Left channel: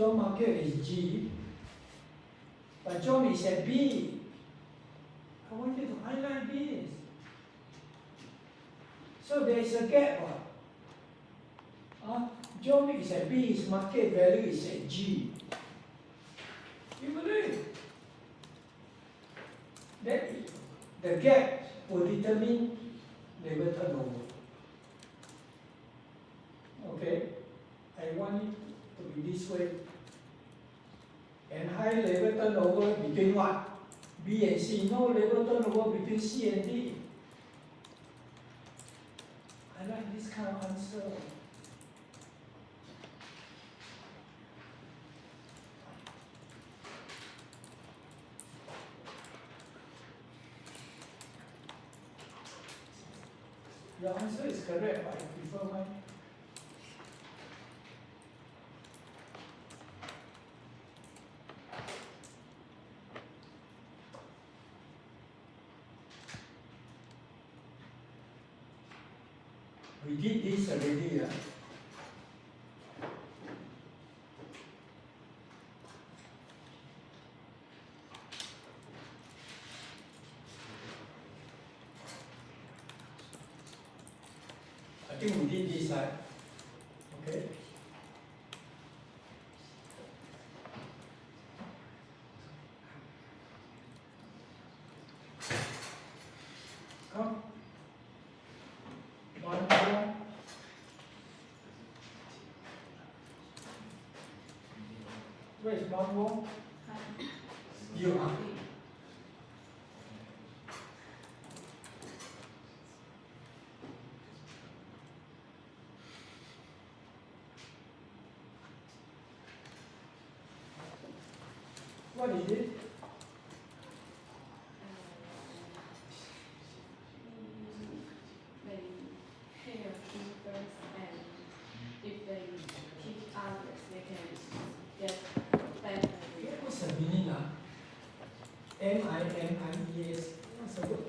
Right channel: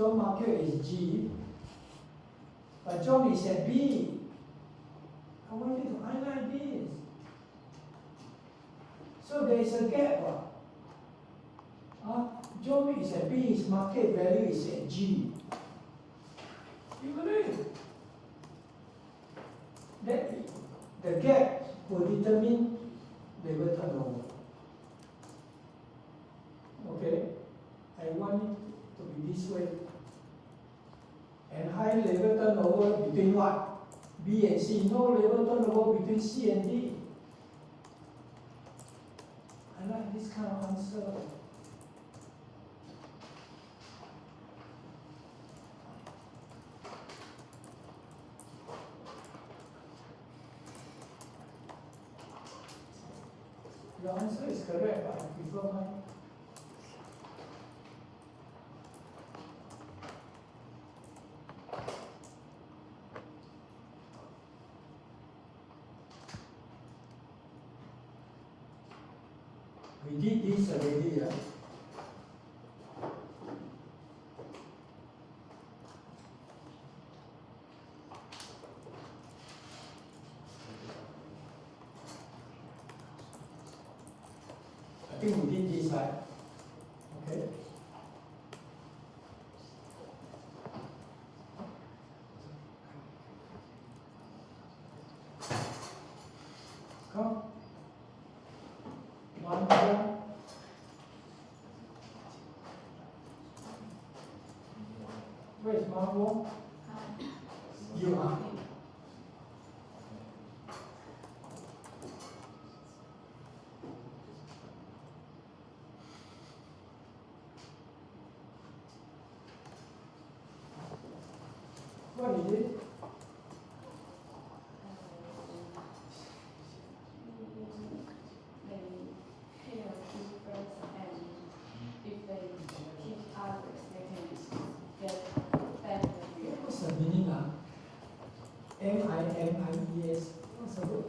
job market is G, but job is at B. I want you to highlight this. So there is a gap. Job is at B, his market value is at G. You agree? That the gap will determine labor turnover. Okay? I want it to be this way. And high labor turnover between what? B and C. No labor turnover between C and D. I like this kind of answer. Your answer is correct, but I prefer mine. We did this already, yeah? I think we did this, right? Okay. Come. One more. Where is Margot? You are. What is it? They pay a fee first, and if they teach others, they can get better results. What's the meaning? M-I-N-I-E-S. What's the word?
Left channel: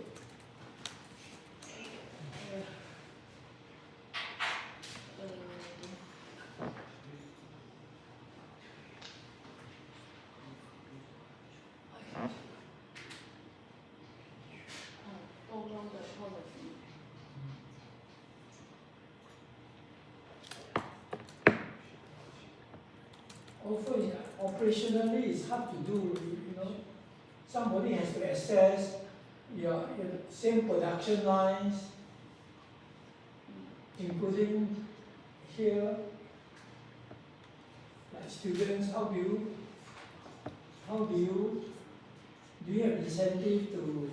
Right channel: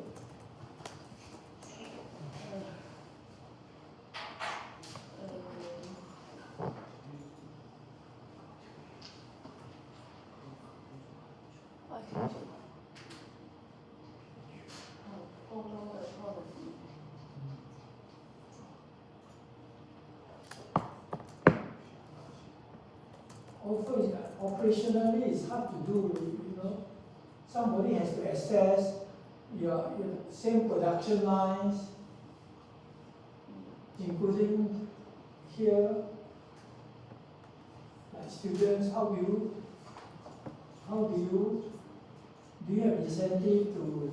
Follow the policy. Also, operationally, it's hard to do, you know. Somebody has to assess your same production lines, including here, like students, how do you have incentive to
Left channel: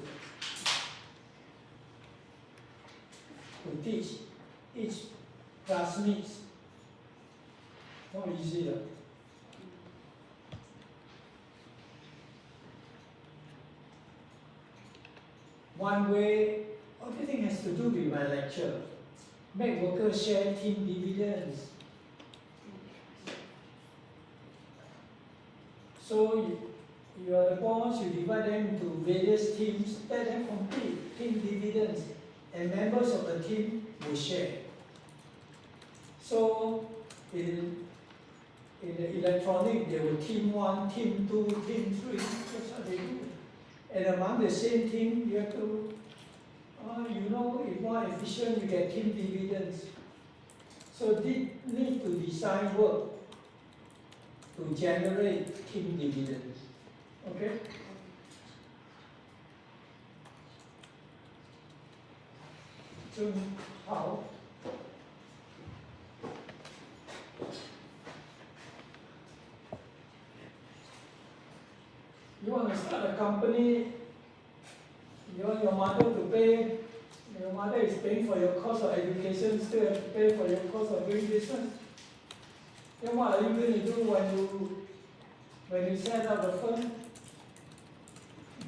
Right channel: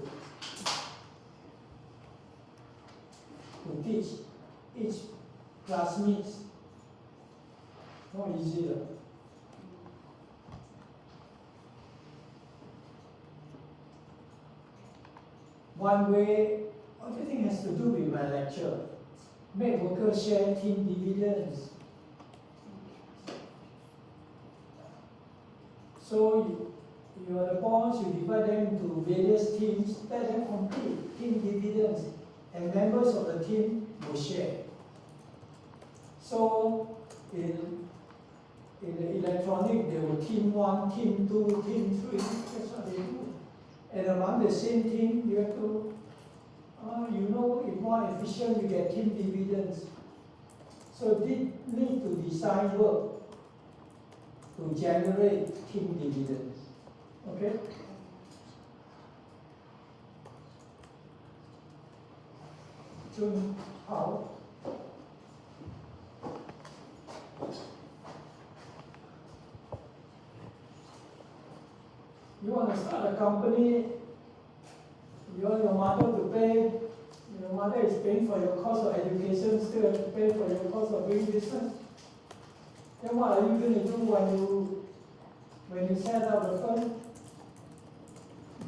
teach classmates? Not easy. One way, everything has to do with my lecture. Make workers share team dividends. So you are the boss, you divide them into various teams, let them compete, team dividends, and members of the team will share. So in the electronic, there were team 1, team 2, team 3, that's what they do. And among the same team, you have to, if more efficient, you get team dividends. So they need to design work to generate team dividends. Okay? So how? You want to start a company, you want your mother to pay, your mother is paying for your cost of education, still have to pay for your cost of doing business. Then what are you going to do when you set up a firm?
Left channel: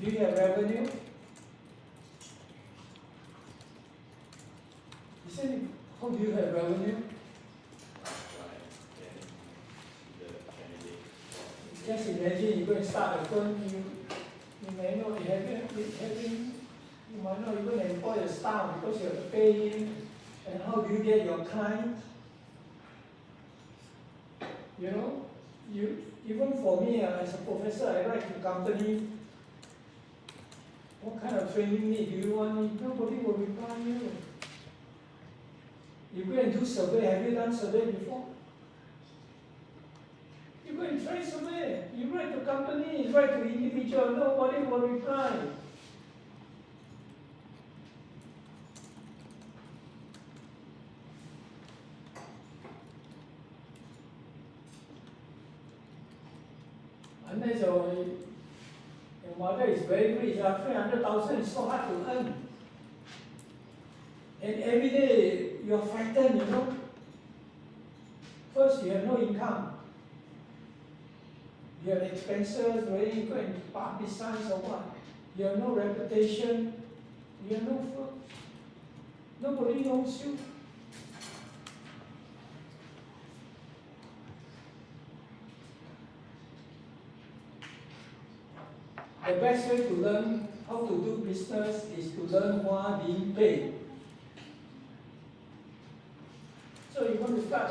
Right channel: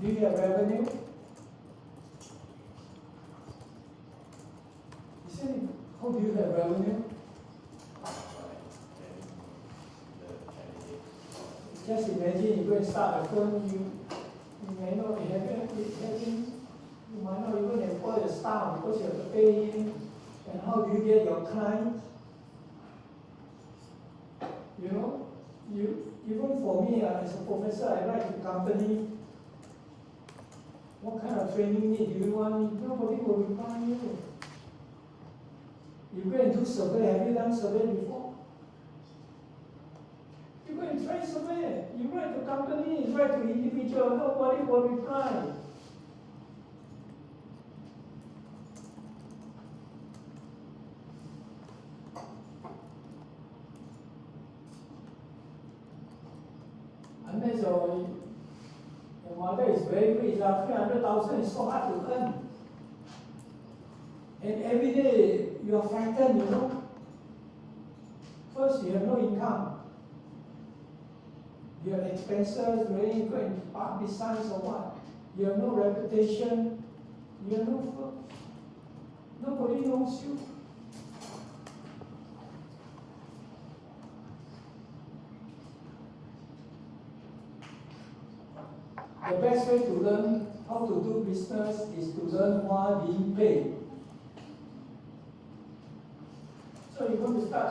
Do you have revenue? You said, how do you have revenue? Just imagine you go and start a firm, you may not be you might not even employ a staff because you have to pay him. And how do you get your clients? You know, you Even for me, as a professor, I write to company, what kind of training need do you want? Nobody will reply you. You go and do survey. Have you done survey before? You go and try survey. You write to company, you write to individual, nobody will reply. Unless your mother is very rich, 300,000 is so hard to earn. And every day you are frightened, you know. First, you have no income. You have expenses, whether you go and park beside or what. You have no reputation. You have no food. Nobody knows you. The best way to learn how to do business is to learn while being paid. So you want to start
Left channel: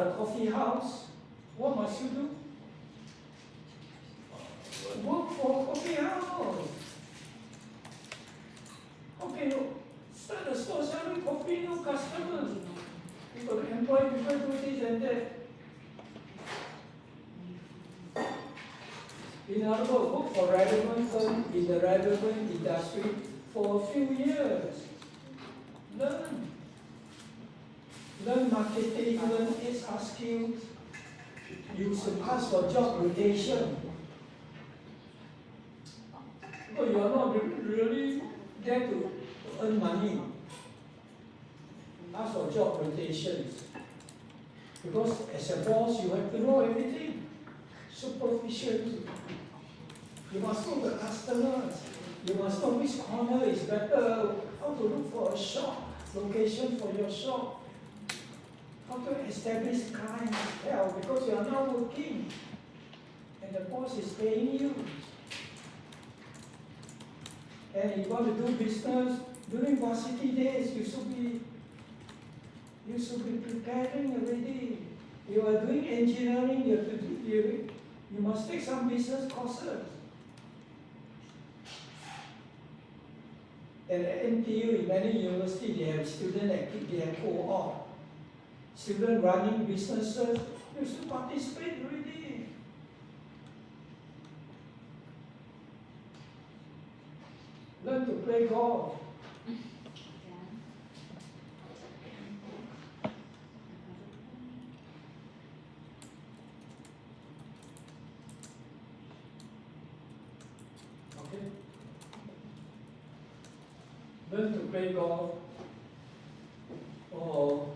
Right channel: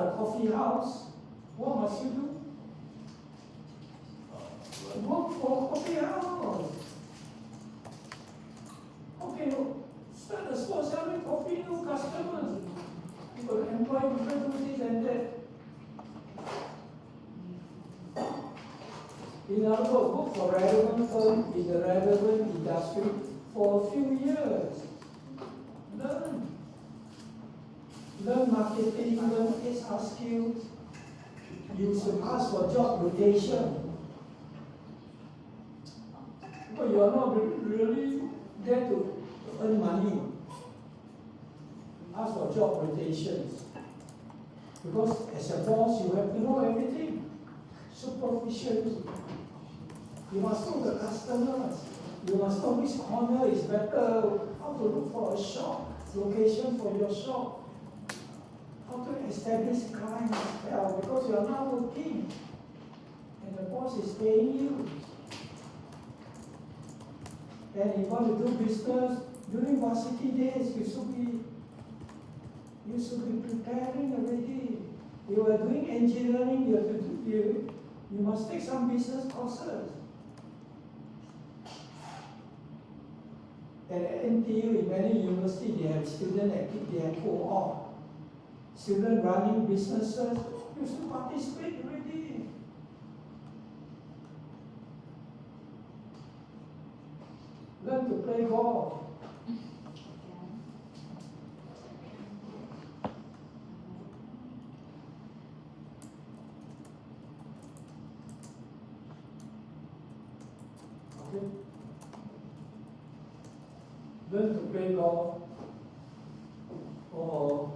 a coffee house, what must you do? Work for a coffee house. Okay, no. Start a store selling coffee, no customers. You got to employ people do this and that. In other words, work for relevant firm in the relevant industry for a few years. Learn marketing, learn HR skills. You should ask for job rotation. Because you are not really there to earn money. Ask for job rotations. Because as a boss, you have to know everything. Superficially. You must know the customers. You must know which corner is better, how to look for a shop, location for your shop, how to establish clientele, because you are not working and the boss is paying you. And if you want to do business, during varsity days, you should be preparing already. You are doing engineering, you must take some business courses. At NTU, in many universities, they have student activity, they have co-op. Students running businesses, you should participate already. Learn to play golf. Okay? Learn to play golf, or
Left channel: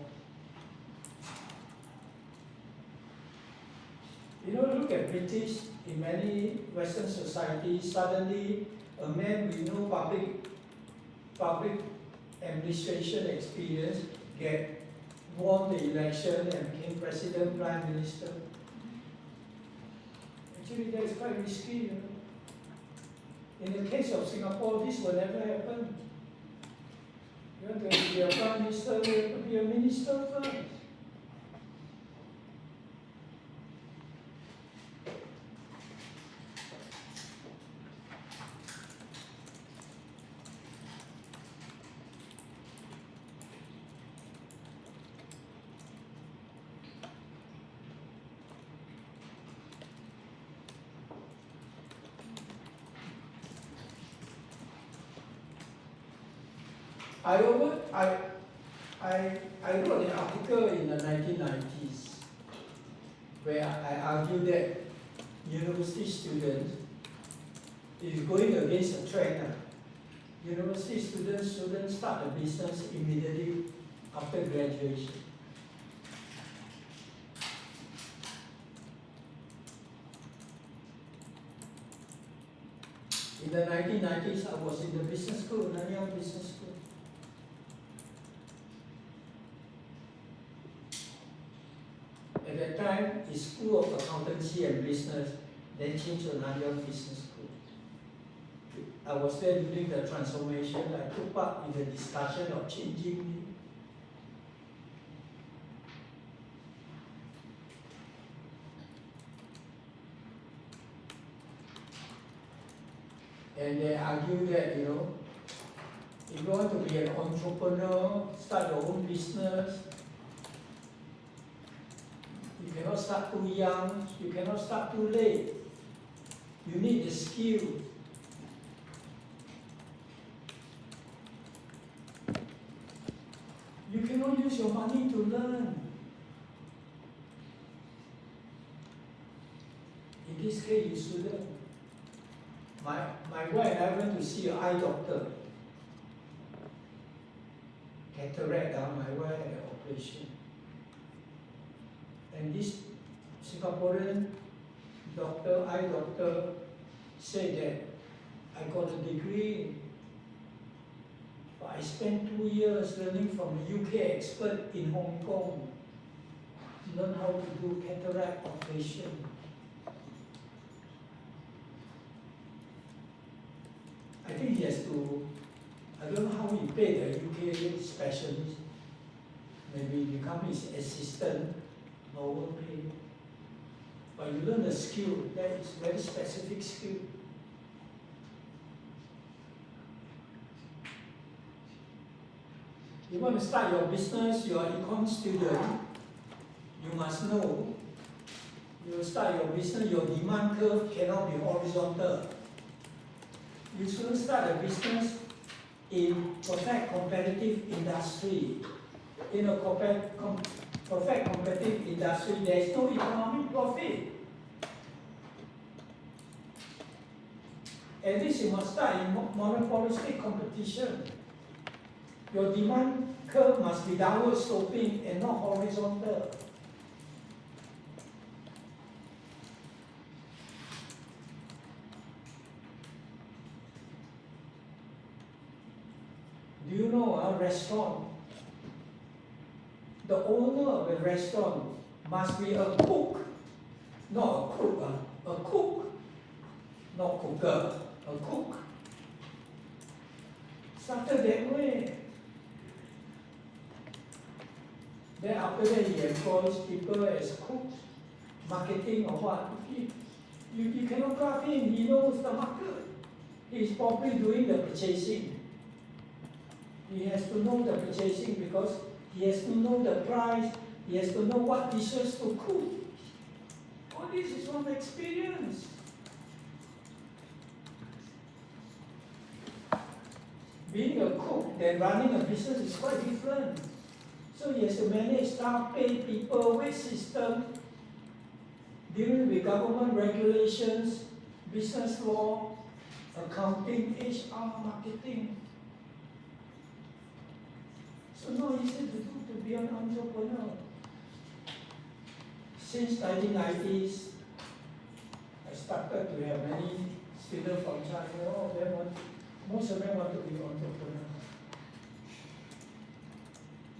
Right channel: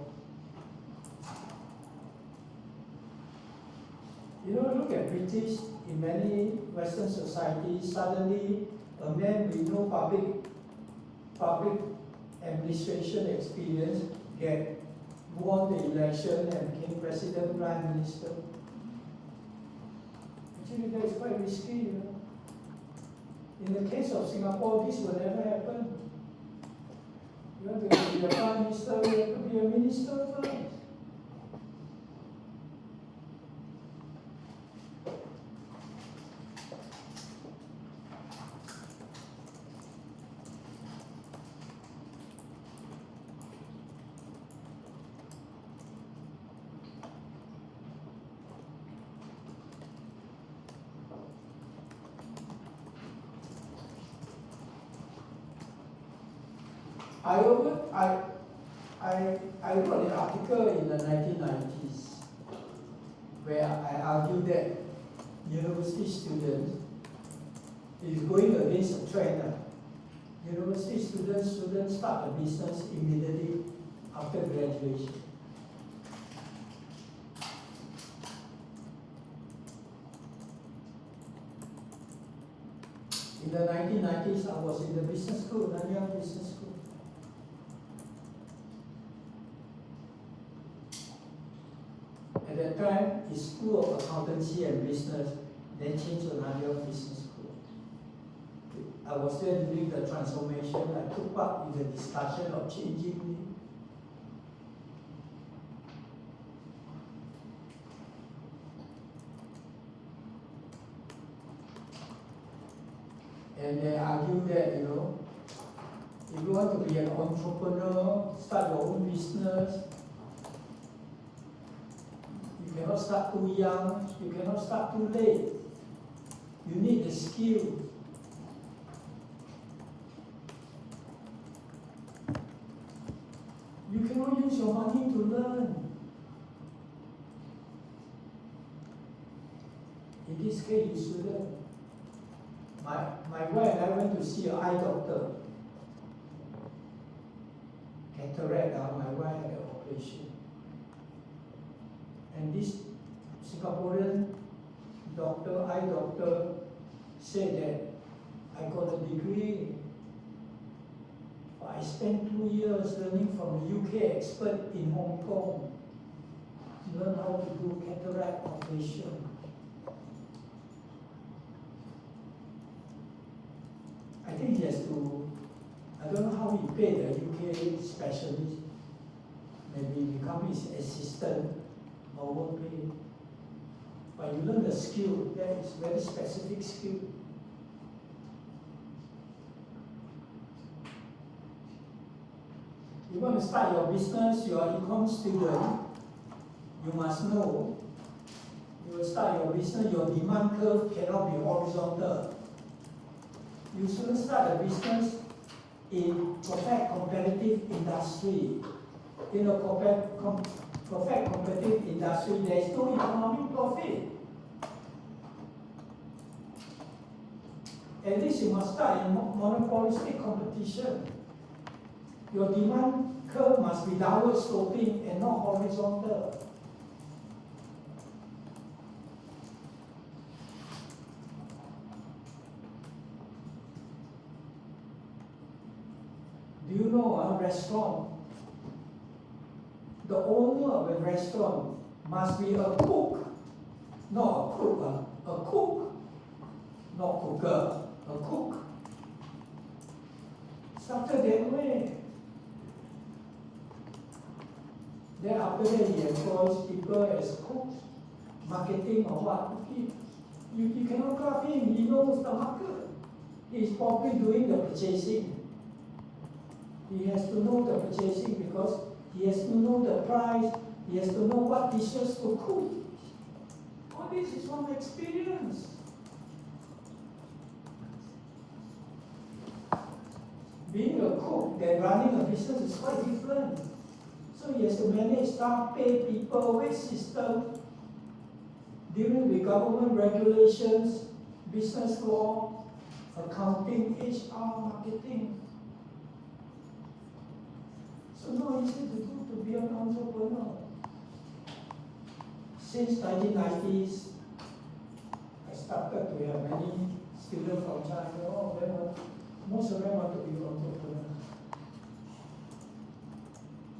look at British. In many Western societies, suddenly a man with no public administration experience won the election and became president, prime minister. Actually, that is quite risky, you know. In the case of Singapore, this will never happen. You want to be a prime minister, you have to be a minister first. I wrote an article in the 1990s where I argued that university students, if you're going against a trend, university students shouldn't start a business immediately after graduation. In the 1990s, I was in the business school, Nanyang Business School. At that time, it's School of Accountancy and Business, then changed to Nanyang Business School. I was there during the transformation. I took part in the discussion of changing. And they argue that, if you want to be an entrepreneur, start your own business, you cannot start too young, you cannot start too late. You need the skill. You cannot use your money to learn. In this case, you shouldn't. My wife and I went to see an eye doctor. Cataract, my wife had an operation. And this Singaporean doctor, eye doctor, said that I got a degree, but I spent 2 years learning from a UK expert in Hong Kong, learn how to do cataract operation. I think he has to, I don't know how he paid a UK specialist, maybe become his assistant, overpay. But you learn the skill, that is very specific skill. You want to start your business, you are an econ student, you must know, you will start your business, your demand curve cannot be horizontal. You shouldn't start a business in perfect competitive industry. In a perfect competitive industry, there is no economic profit. At least you must start in monopolistic competition. Your demand curve must be downward sloping and not horizontal. Do you know a restaurant? The owner of the restaurant must be a cook, not a cook, a cook, not cooker, a cook. Started that way. Then after that he employs people as cooks, marketing or what. You cannot trust him, he knows the market. He's probably doing the purchasing. He has to know the purchasing because he has to know the price, he has to know what dishes to cook. All this is from experience. Being a cook than running a business is quite different. So he has to manage staff, pay people, wage system, dealing with government regulations, business law, accounting, HR, marketing. So not easy to do to be an entrepreneur. Since 1990s, I started to have many students from China. All of them most of them want to be entrepreneurs.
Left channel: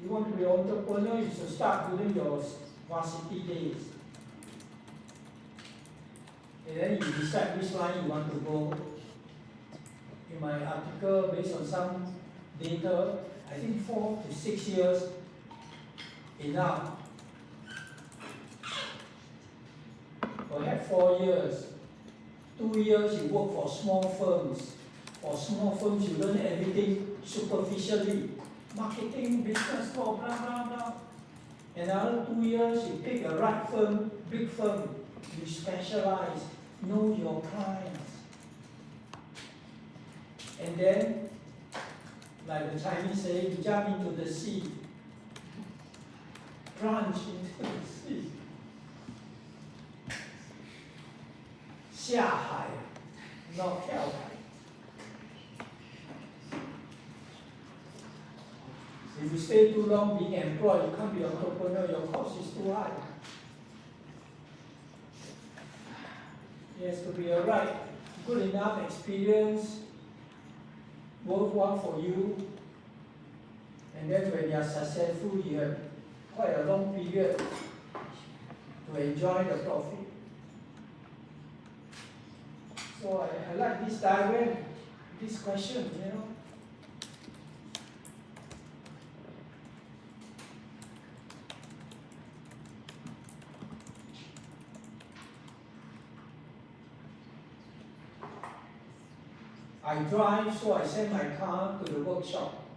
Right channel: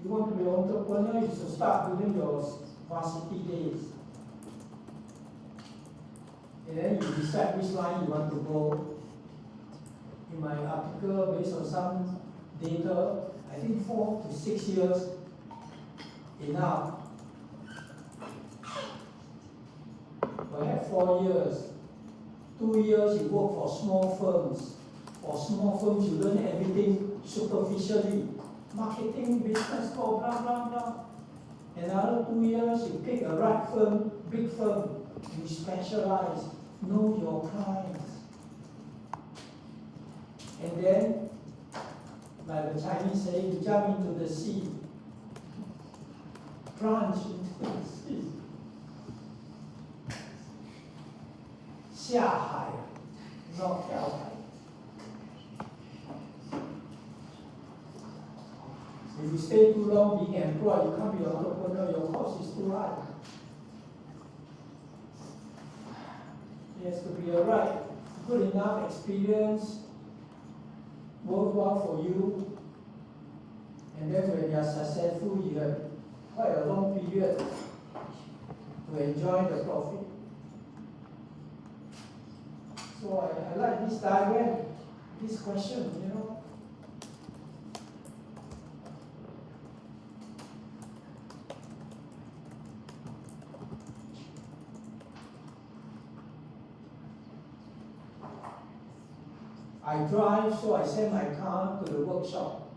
You want to be an entrepreneur, you should start during your varsity days. And then you decide which line you want to go. In my article, based on some data, I think 4 to 6 years enough. Perhaps 4 years. 2 years you work for small firms. For small firms you learn everything superficially. Marketing, business law, blah, blah, blah. Another 2 years you pick a right firm, big firm. You specialize, know your clients. And then, like the Chinese say, you jump into the sea. Plunge into the sea. 下海, not 跳海. If you stay too long being employed, you can't be an entrepreneur, your cost is too high. It has to be a right, good enough experience, worthwhile for you, and then when you are successful, you have quite a long period to enjoy the profit. So I like this diagram, this question, I drive, so I send my car to the workshop.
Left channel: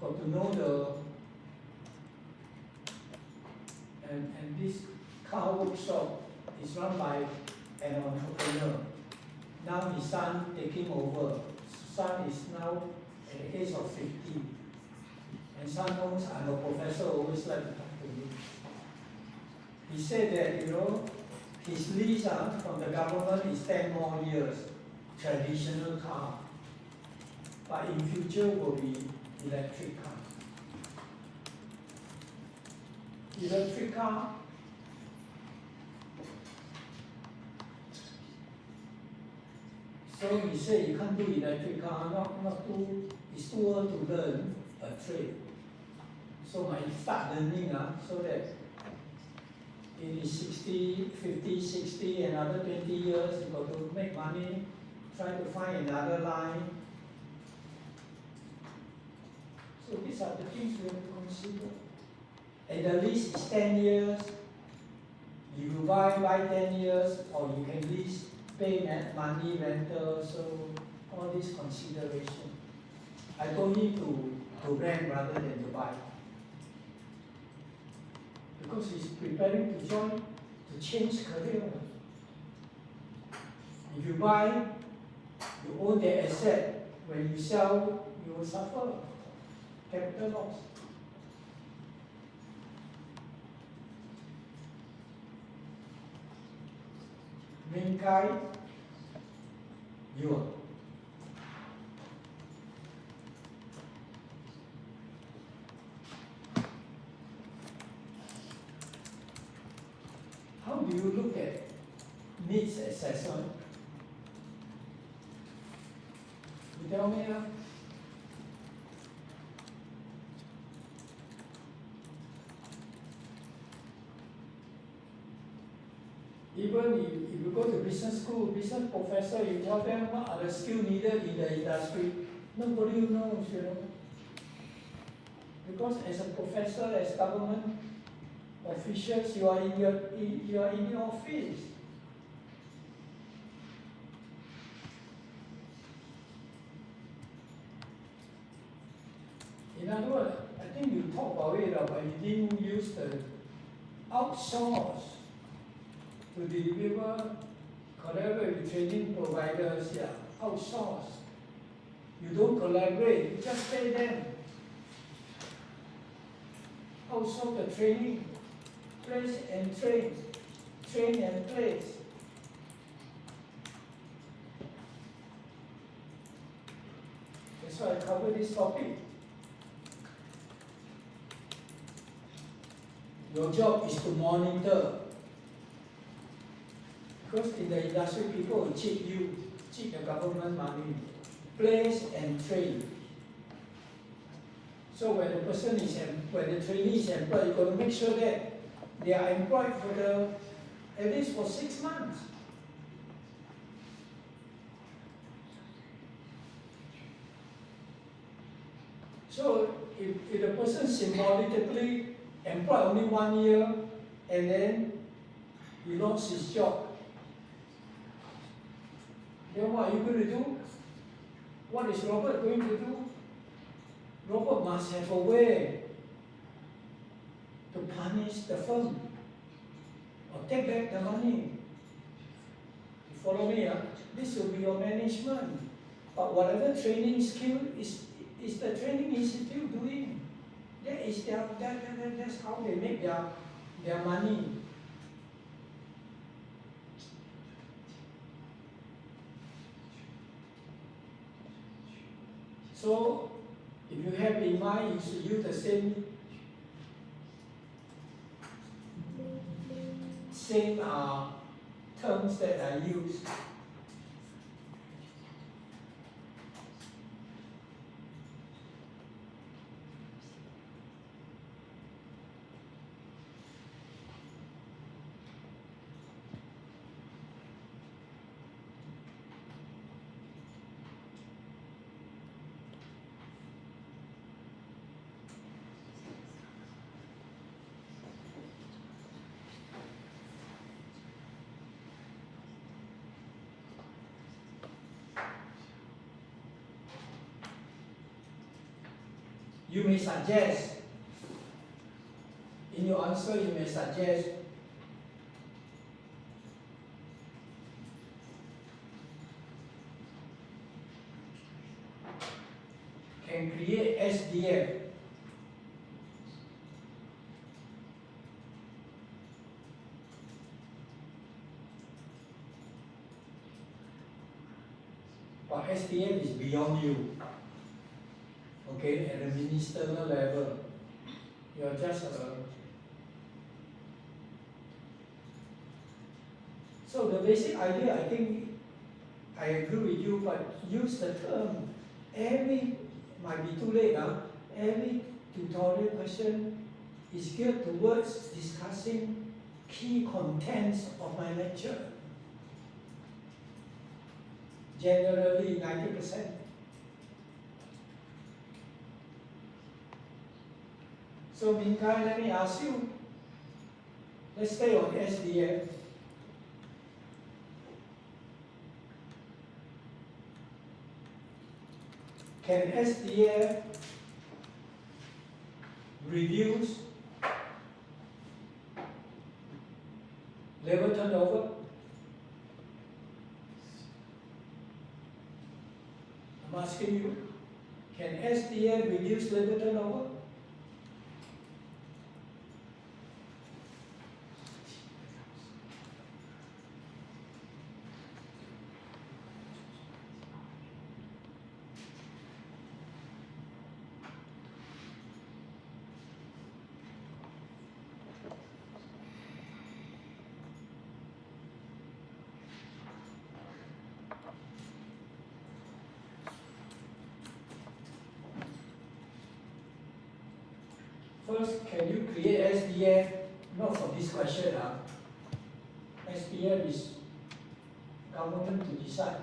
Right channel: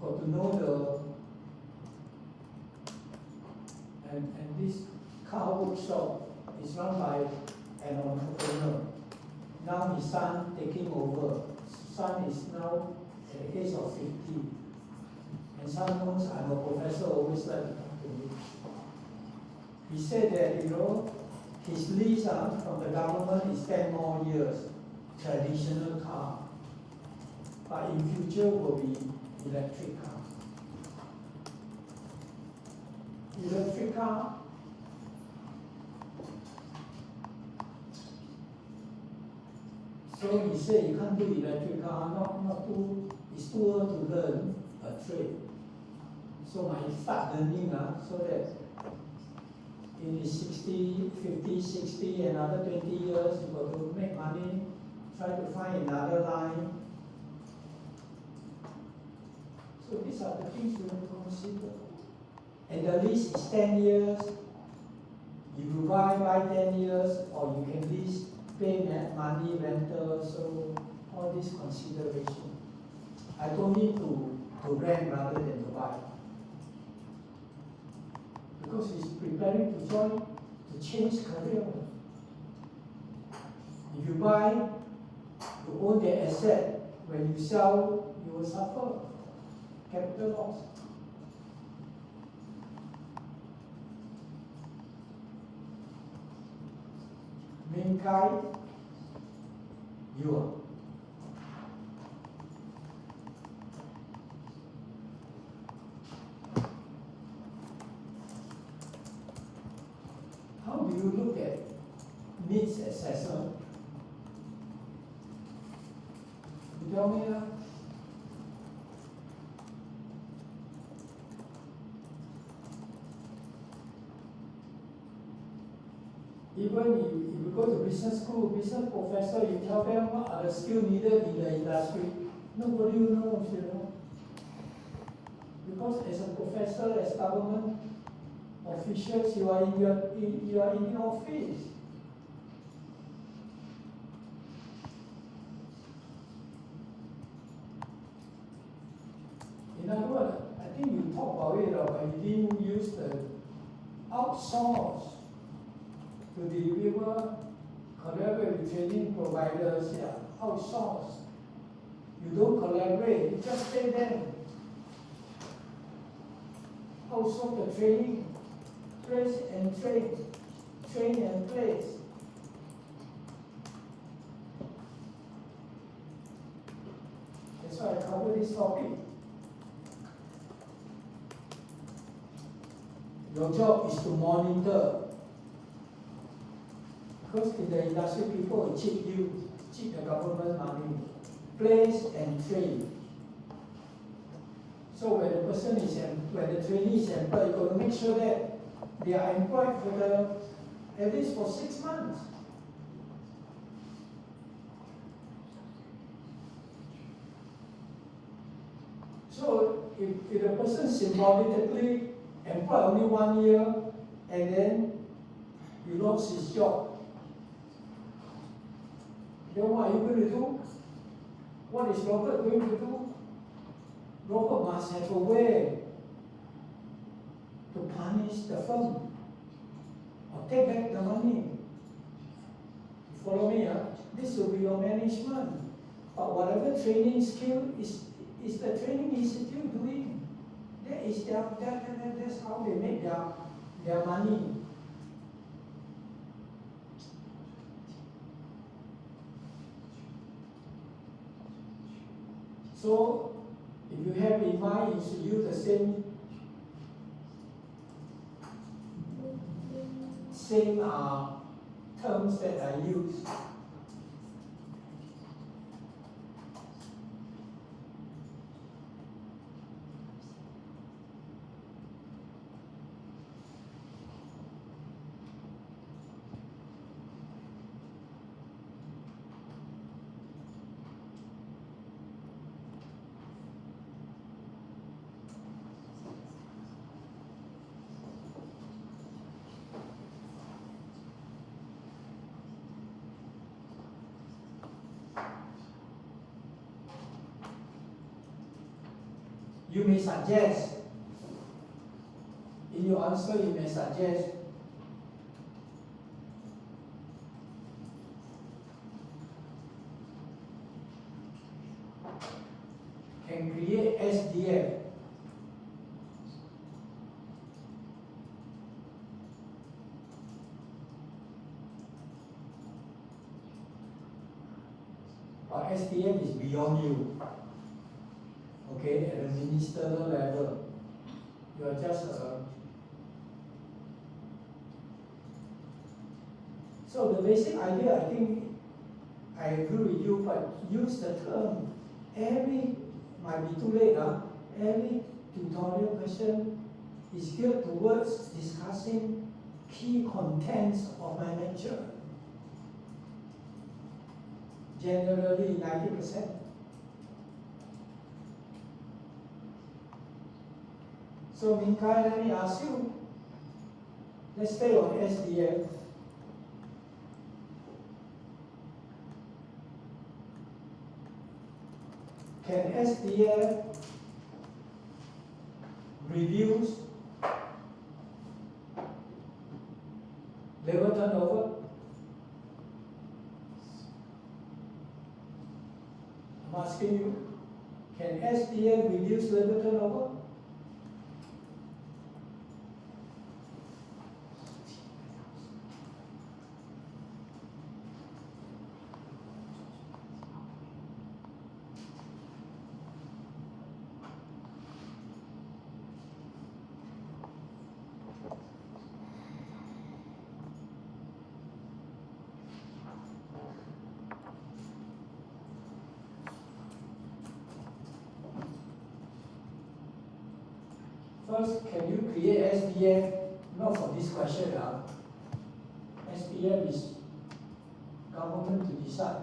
Got to know and this car workshop is run by an entrepreneur. Now his son taking over. Son is now at the age of 50. And son knows I'm a professor, always like to talk to me. He said that, his lease from the government is 10 more years, traditional car. But in future will be electric car. Electric car, so he said you can't do electric car, it's too early to learn a trade. So my start learning so that in his 50, 60, another 20 years, he got to make money, try to find another line. So these are the things we have to consider. And the lease is 10 years. You buy 10 years, or you can lease, pay money, rental, so all this consideration. I told him to rent rather than to buy. Because he's preparing to change career. If you buy, you own the asset. When you sell, you will suffer capital loss. Main guy, you are. How do you look at needs assessment? You tell me. Even if you go to business school, business professor, you tell them what are the skills needed in the industry, nobody knows, Because as a professor, as government officials, you are in your office. In other words, I think you talk about it, but you didn't use the outsource to deliver, collaborate with training providers, outsource. You don't collaborate, you just pay them. Outsource the training, place and train and place. That's why I cover this topic. Your job is to monitor. Because in the industry, people will cheat the government money, place and train. So when the trainee is employed, you got to make sure that they are employed at least for 6 months. So if the person symbolically employed only 1 year and then he lost his job, then what are you going to do? What is Robert going to do? Robert must have a way to punish the firm or take back the money. You follow me? This will be your management. But whatever training skill is the training institute doing. That's how they make their money. So, if you have in mind, you should use the same terms that I use. You may suggest, in your answer, you may suggest can create SDF. But SDF is beyond you. Okay, at the ministerial level. You are just so the basic idea, I think, I agree with you, but use the term. Every, might be too late, every tutorial question is geared towards discussing key contents of my lecture. Generally 90%. So Minkai, let me ask you, let's stay on SDF. Can SDF reduce labor turnover? I'm asking you, can SDF reduce labor turnover? First, can you create SDF? Not for this question. SDF is government to decide.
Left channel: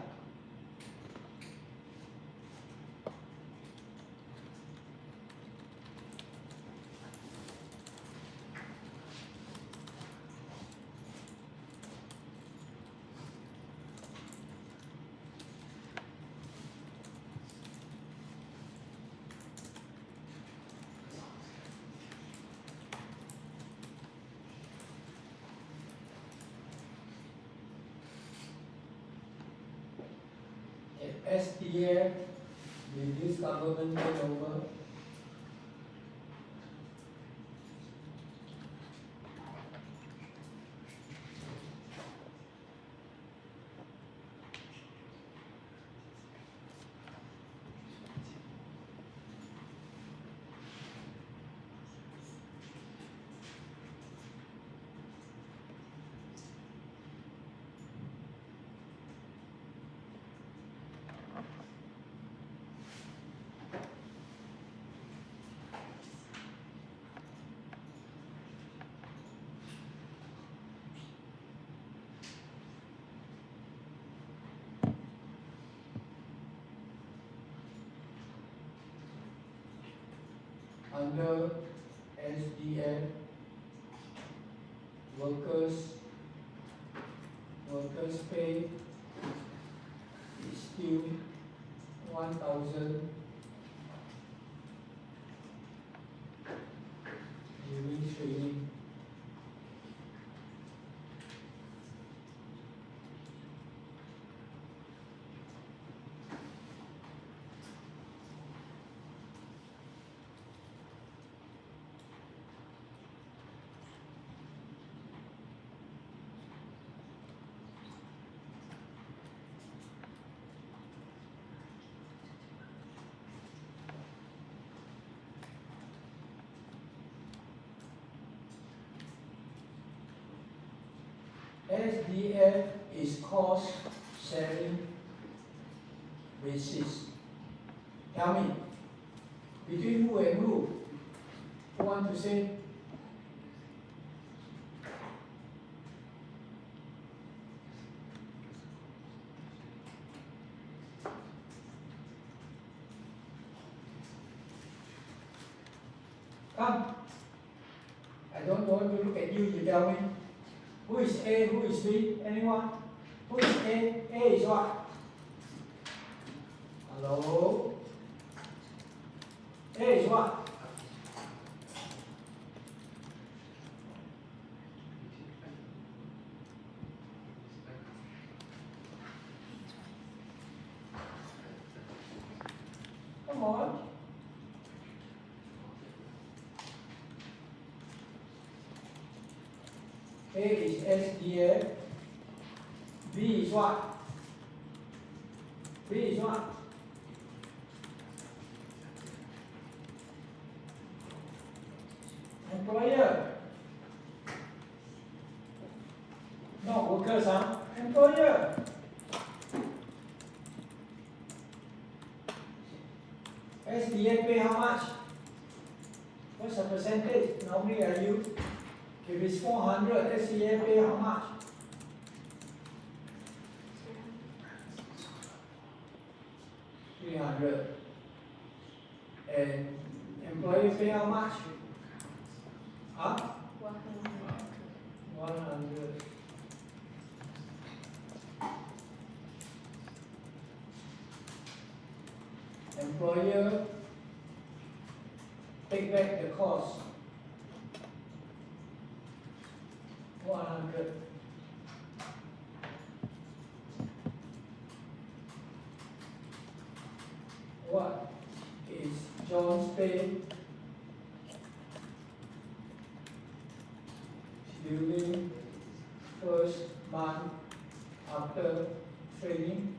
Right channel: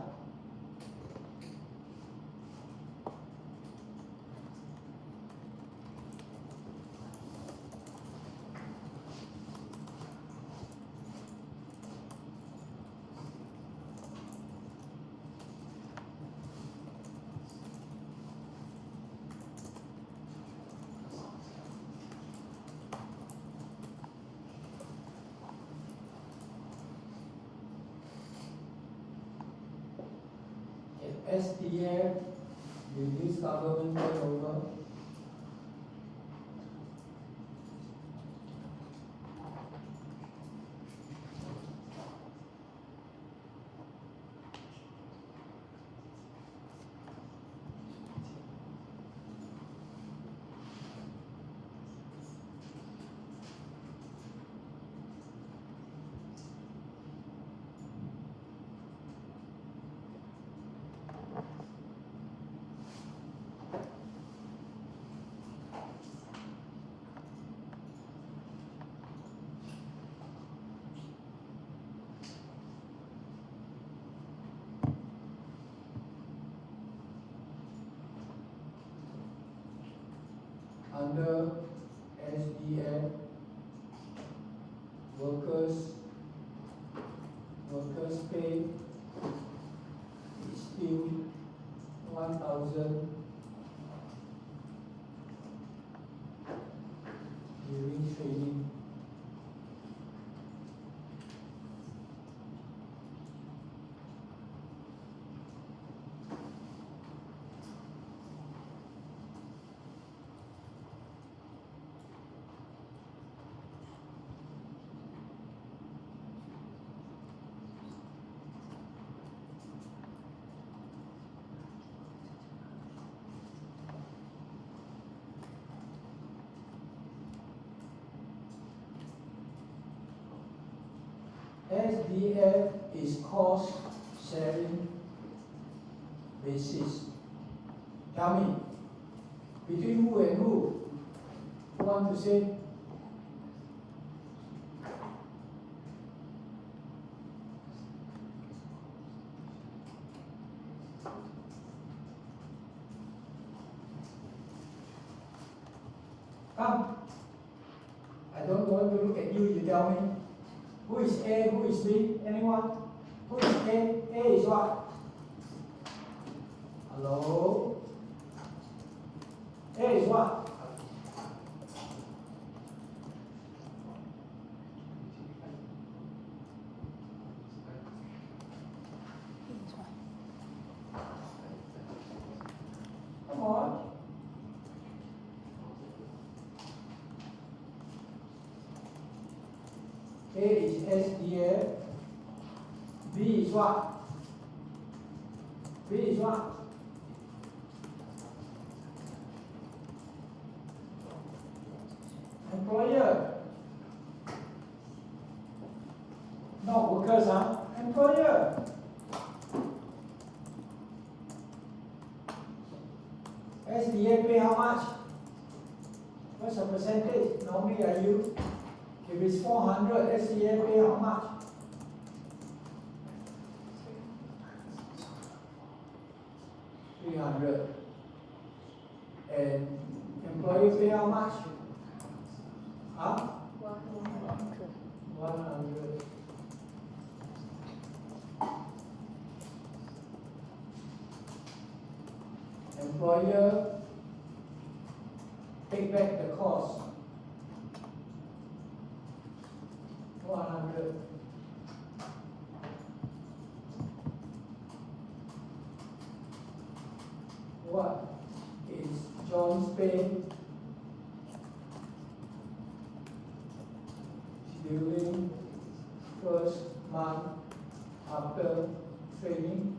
SDF reduce government turnover. Under SDF, workers pay is still 1,000 during training. SDF is cost sharing basis. Tell me, between who and who? Who want to say? Come. I don't want to look at you, you tell me. Who is A, who is B? Anyone? Who is A? A is what? Hello? A is what? A is SDF. B is what? B is what? Employer. Not workers, huh? Employer. SDA pay how much? What's the percentage? Normally I use, if it's 400, SDA pay how much? 300. And employer pay how much? Huh? 100. Employer take back the cost. 100. What is John's pay during first month after training?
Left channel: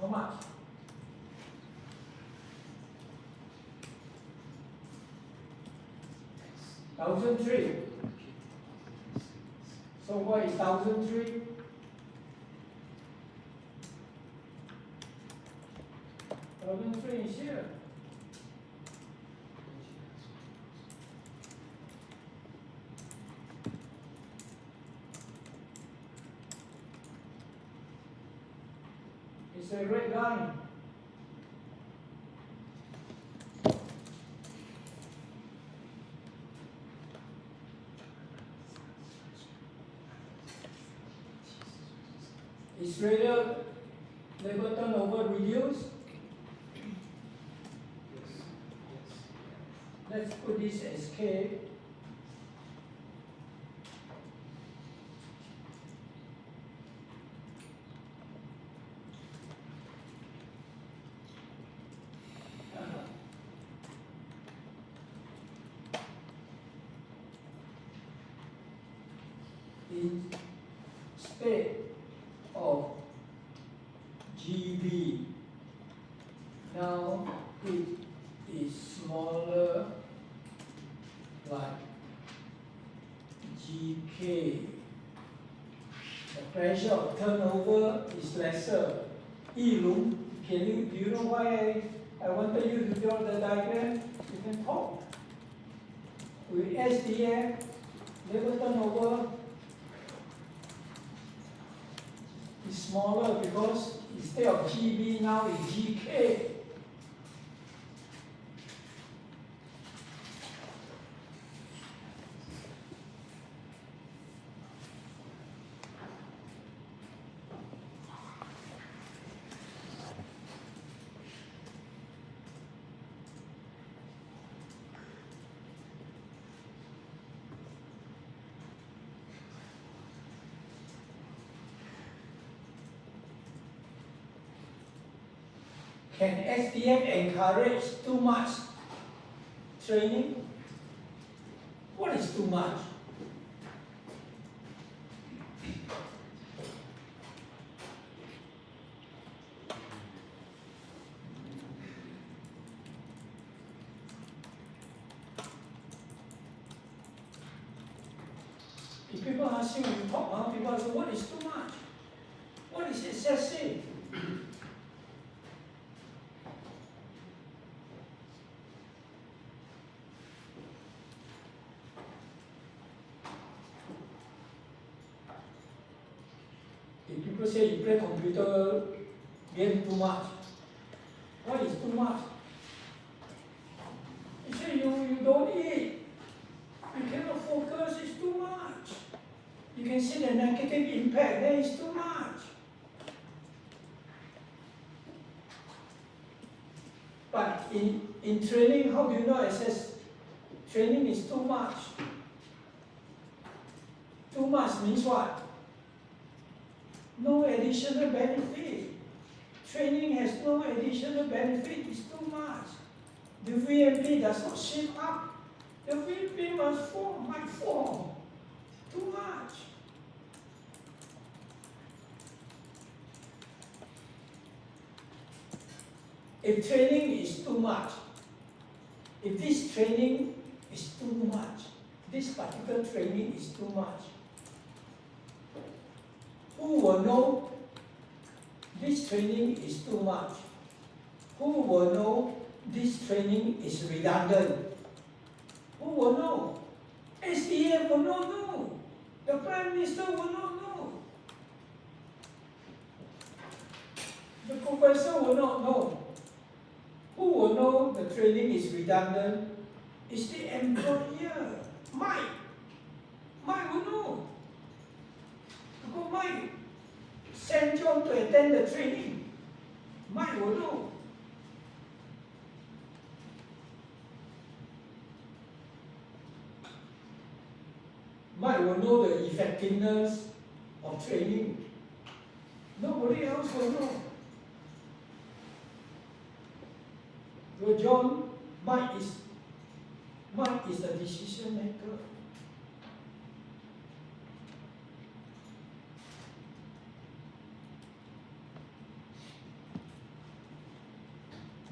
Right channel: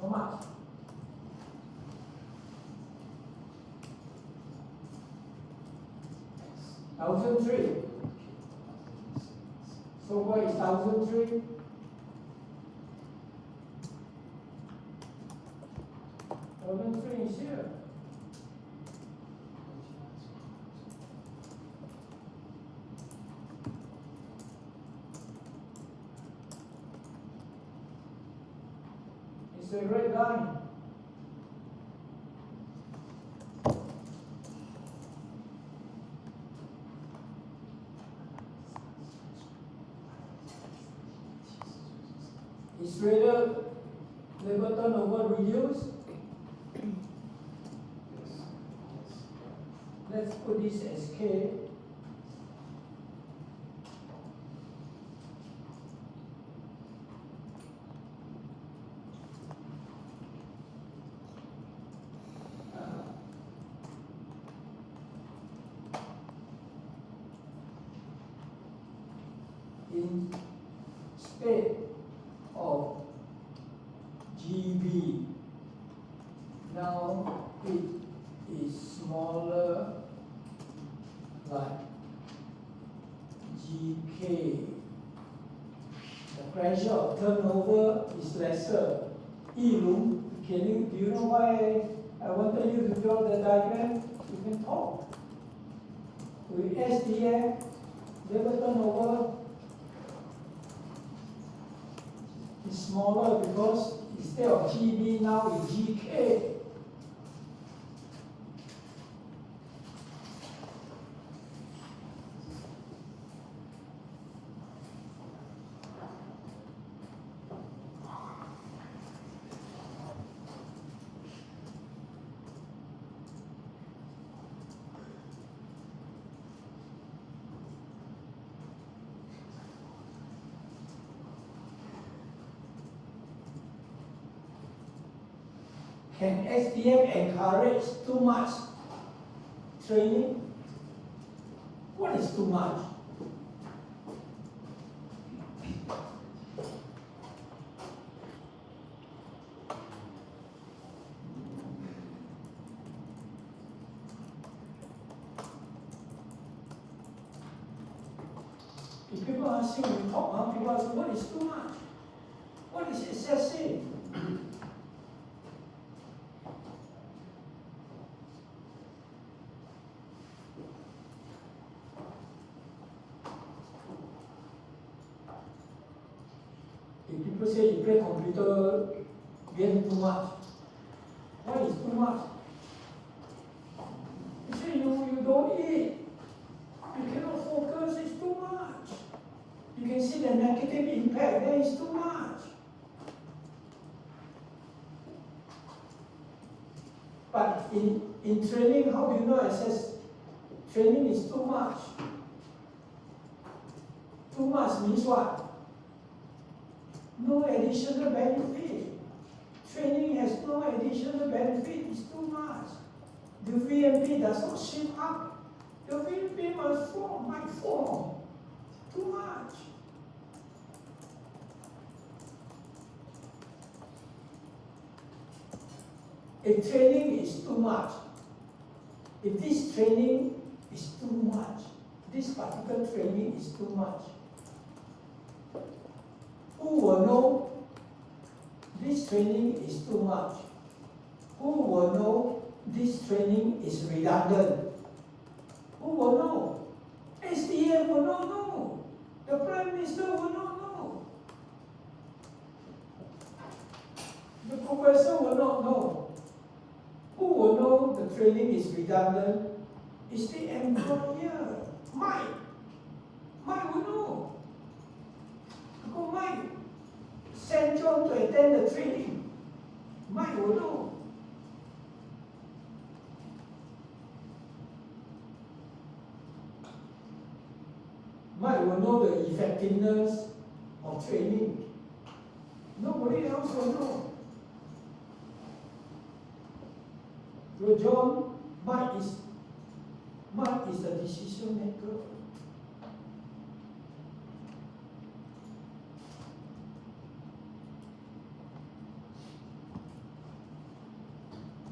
How much? $1,003. So what is 1,003? $1,003 is here. It's a red line. Is labor turnover reduced? Let's put this as K. Instead of GB, now it is smaller like GK. The pressure of turnover is lesser. Do you know why I wanted you to draw the diagram? You can talk. With SDF, labor turnover is smaller because instead of GB now it's GK. Can SDF encourage too much training? What is too much? If people ask you, you talk, people ask you, what is too much? What is excessive? If people say you play computer game too much, what is too much? You say you don't eat, you cannot focus, it's too much. You can see the negative impact, that is too much. But in training, how do you know training is too much? Too much means what? No additional benefit. Training has no additional benefit, it's too much. The VMP does not shape up. The VMP must form, might form. Too much. If training is too much, if this training is too much, this particular training is too much, who will know this training is too much? Who will know this training is redundant? Who will know? SDA will not know. The Prime Minister will not know. The professor will not know. Who will know the training is redundant? Is the employer. Mike will know. Because Mike sent John to attend the training. Mike will know. Mike will know the effectiveness of training. Nobody else will know. So John, Mike is the decision maker.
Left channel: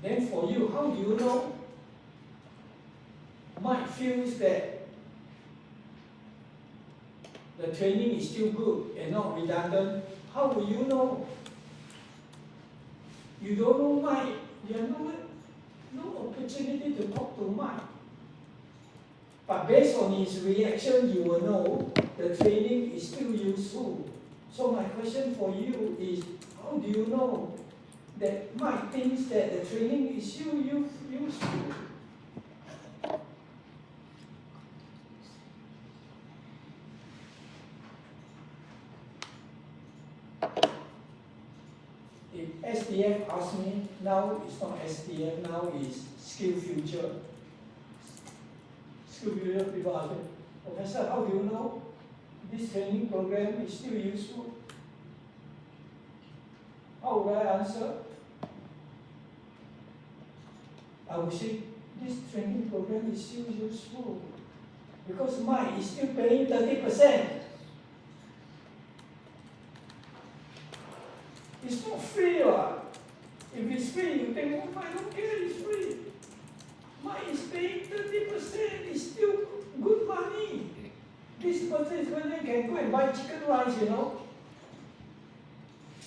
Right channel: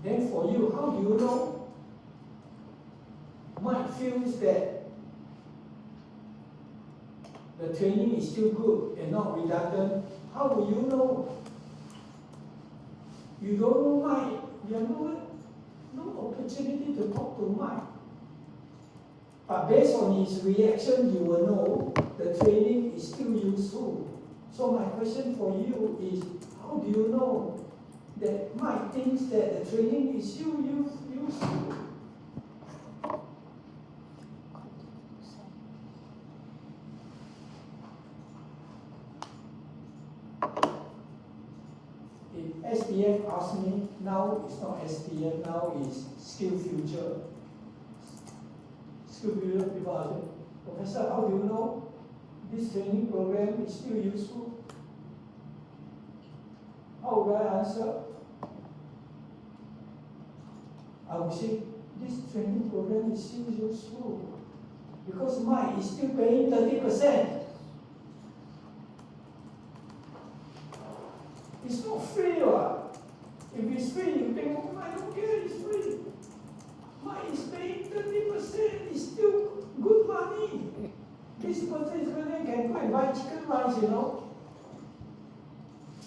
Then for you, how do you know? Mike feels that the training is still good and not redundant. How will you know? You don't know Mike. You have no opportunity to talk to Mike. But based on his reaction, you will know the training is still useful. So my question for you is, how do you know that Mike thinks that the training is still useful? If SDF asks me, now it's not SDF, now it's Skill Future. Skill Future people ask me, Professor, how do you know this training program is still useful? How would I answer? I would say, this training program is still useful because Mike is still paying 30%. It's not free. If it's free, you think, oh, I don't care, it's free. Mine is paying 30%, it's still good money. This person can go and buy chicken rice,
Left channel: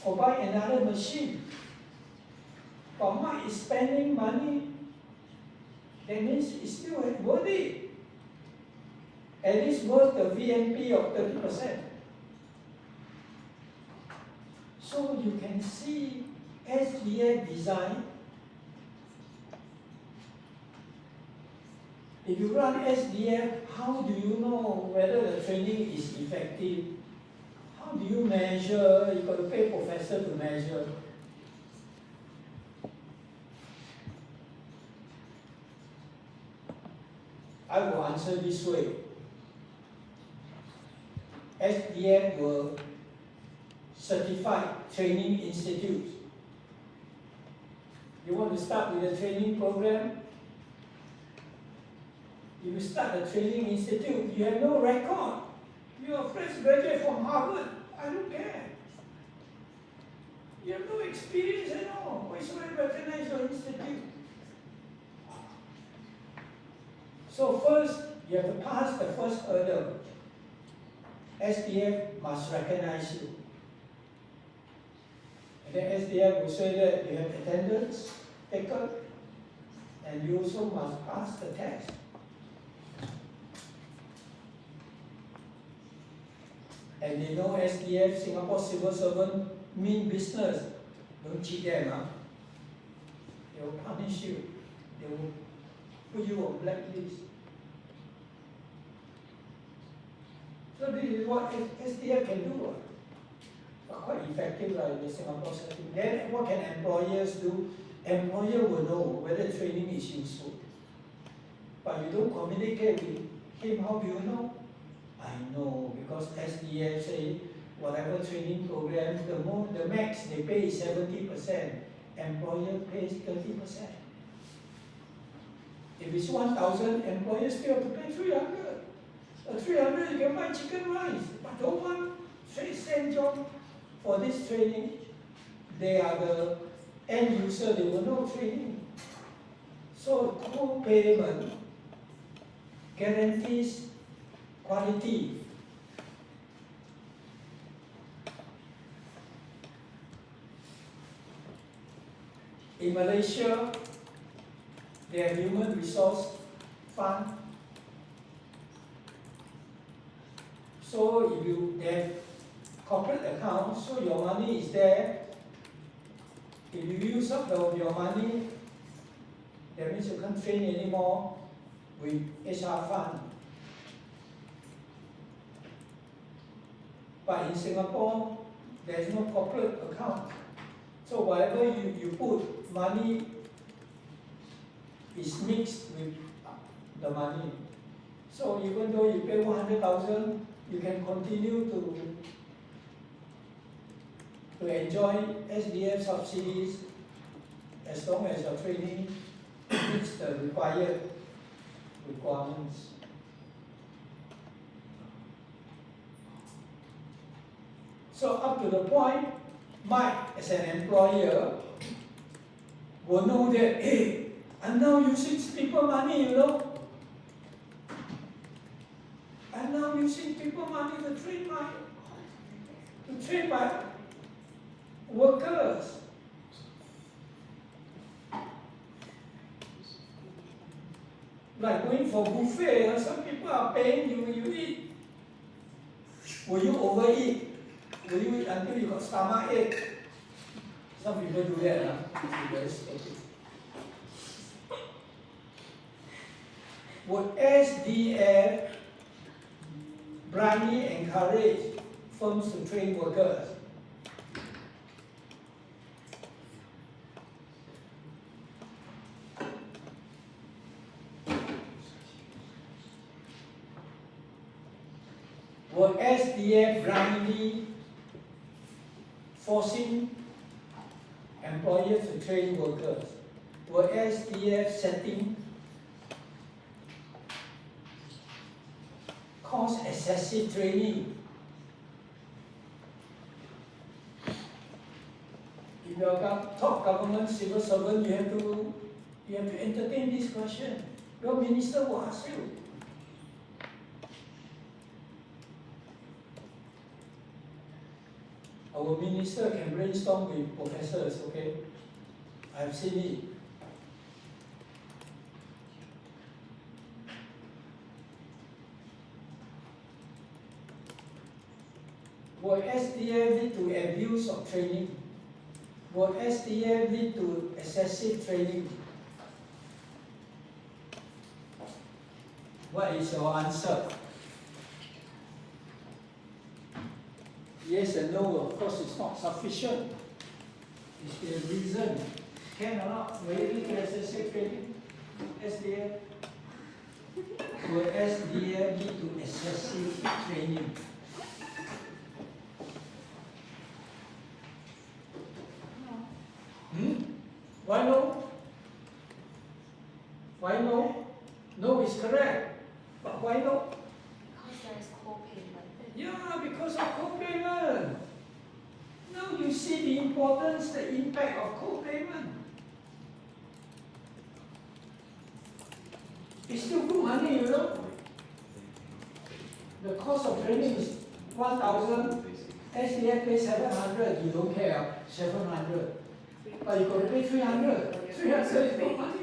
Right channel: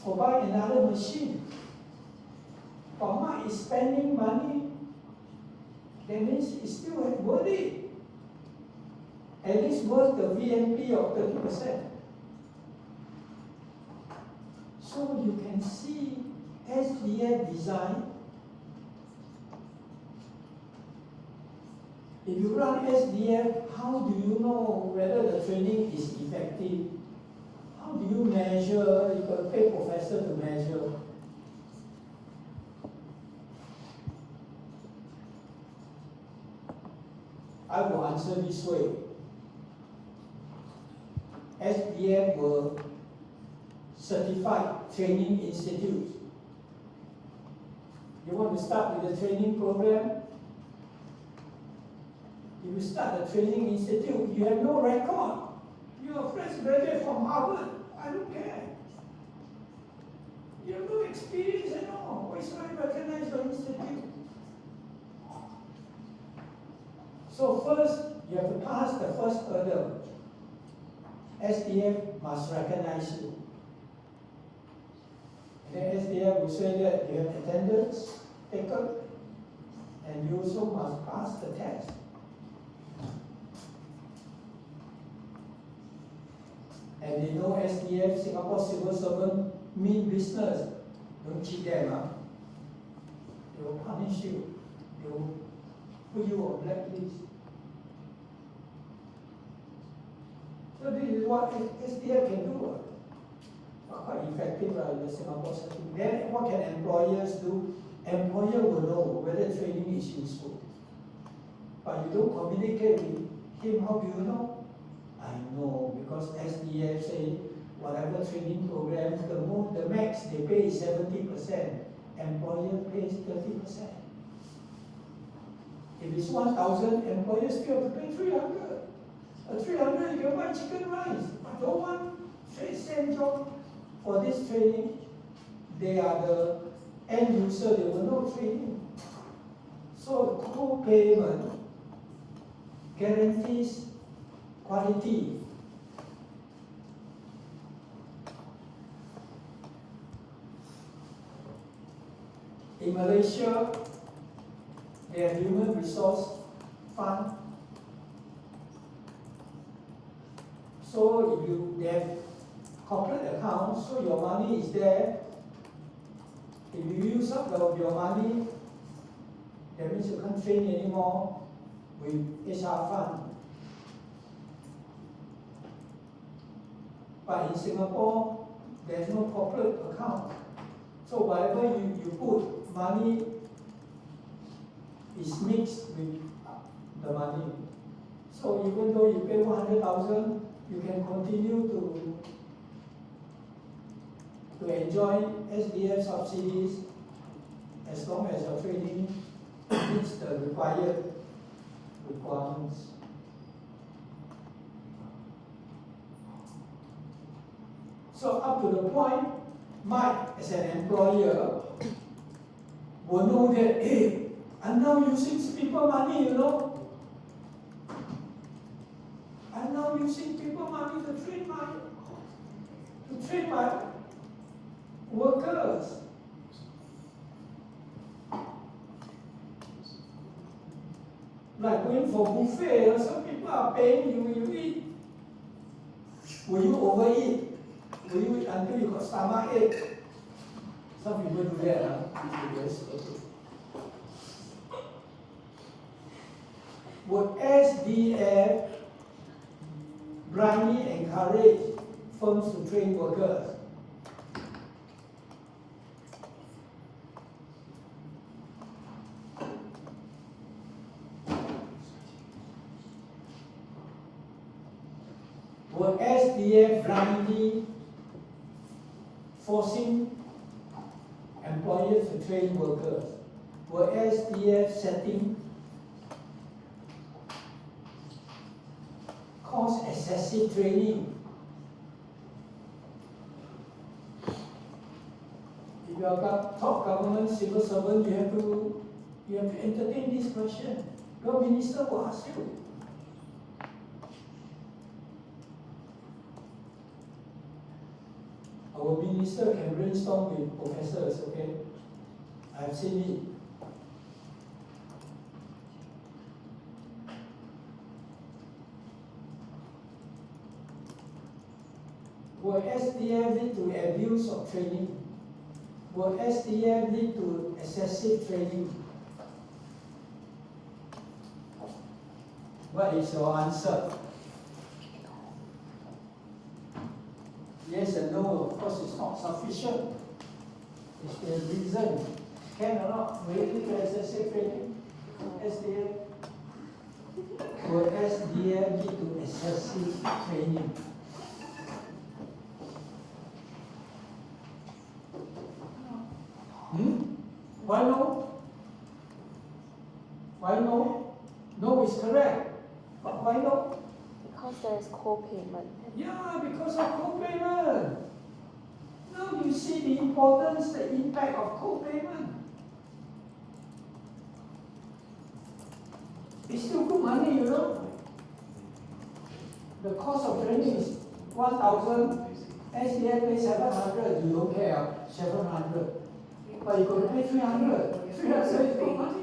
or buy another machine. But mine is spending money, that means it's still worth it. And it's worth the VNP of 30%. So you can see SDF design. If you run SDF, how do you know whether the training is effective? How do you measure? You got to pay professor to measure. I will answer this way. SDF will certify training institutes. You want to start with a training program? If you start a training institute, you have no record. You're a fresh graduate from Harvard. I don't care. You have no experience at all. Why should I recognize your institute? So first, you have to pass the first hurdle. SDF must recognize you. And then SDF will say that you have attendance taken, and you also must pass the test. And they know SDF, Singapore civil servant, mean business. Don't cheat them. They will punish you. They will put you on blacklist. So this is what SDF can do. Quite effective in the Singapore setting. Then what can employers do? Employer will know whether training is useful. But you don't communicate with him, how do you know? I know, because SDF say whatever training program, the max they pay is 70%. Employer pays 30%. If it's 1,000, employers still have to pay 300. 300 you can buy chicken rice. But don't want same job for this training. They are the end user, they will know training. So co-payment guarantees quality. In Malaysia, they have human resource fund. So if they have corporate account, so your money is there. If you use up your money, that means you can't train anymore with HR fund. But in Singapore, there is no corporate account. So whatever you put, money is mixed with the money. So even though you pay 100,000, you can continue to enjoy SDF subsidies as long as your training meets the required requirements. So up to the point, Mike, as an employer, will know that, hey, I'm now using people money, you know. I'm now using people money to train my workers. Like going for buffet, some people are paying you eat. Will you overeat? Will you eat until you got stomach ache? Some people do that. Would SDF blindly encourage firms to train workers? Would SDF blindly forcing employers to train workers? Would SDF setting cause excessive training? If you are top government civil servant, you have to entertain this question. Your minister will ask you. Our minister can brainstorm with professors, okay? I have seen it. Will SDF lead to abuse of training? Will SDF lead to excessive training? What is your answer? Yes and no, of course it's not sufficient. Is there a reason? Can or not? Will it lead to excessive training? SDF? Will SDF lead to excessive training? Why no? Why no? No is correct. But why no? Because there is co-payment. Yeah, because of co-payment. Now you see the importance, the impact of co-payment. It's still good money, you know. The cost of training is 1,000. SDF pays 700. You don't care, 700. But you got to pay 300. 300 is good money.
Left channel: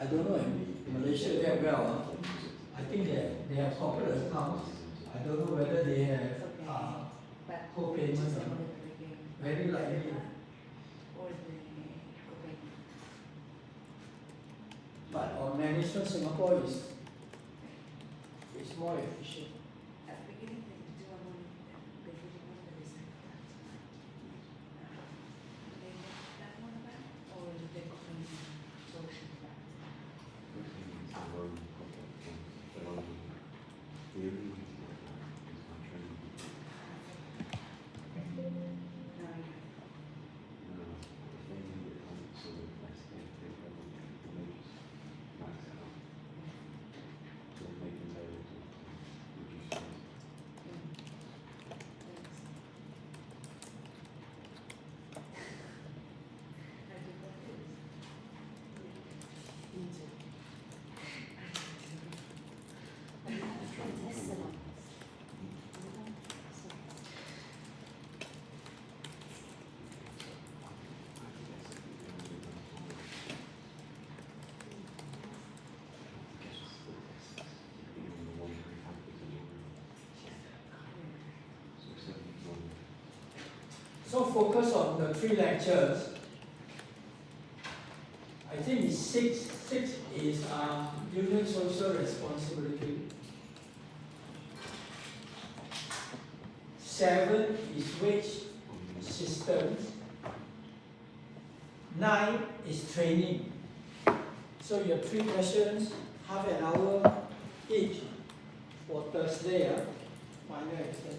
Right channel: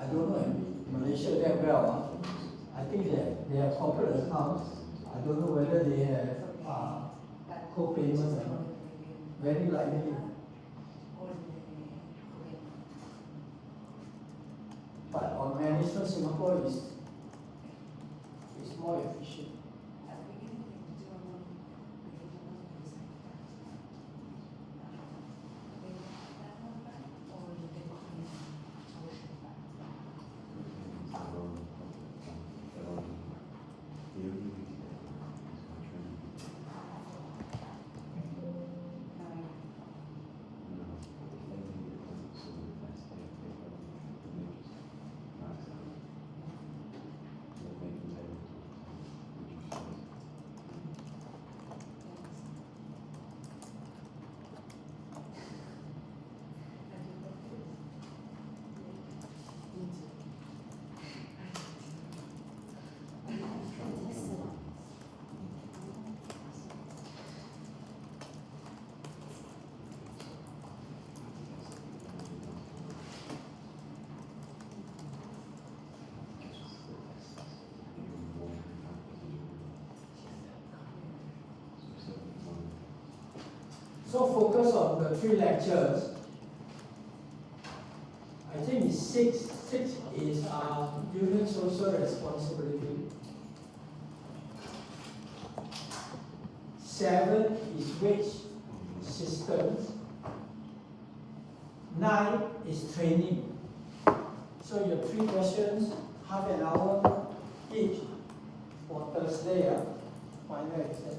I don't know in Malaysia that well. I think they have corporate accounts. I don't know whether they have co-payment or not. Very likely. But on management, Singapore is more efficient. So focus on the 3 lectures. I think 6 is union social responsibility. 7 is wage systems. 9 is training. So your 3 questions, half an hour each for Thursday, final exam.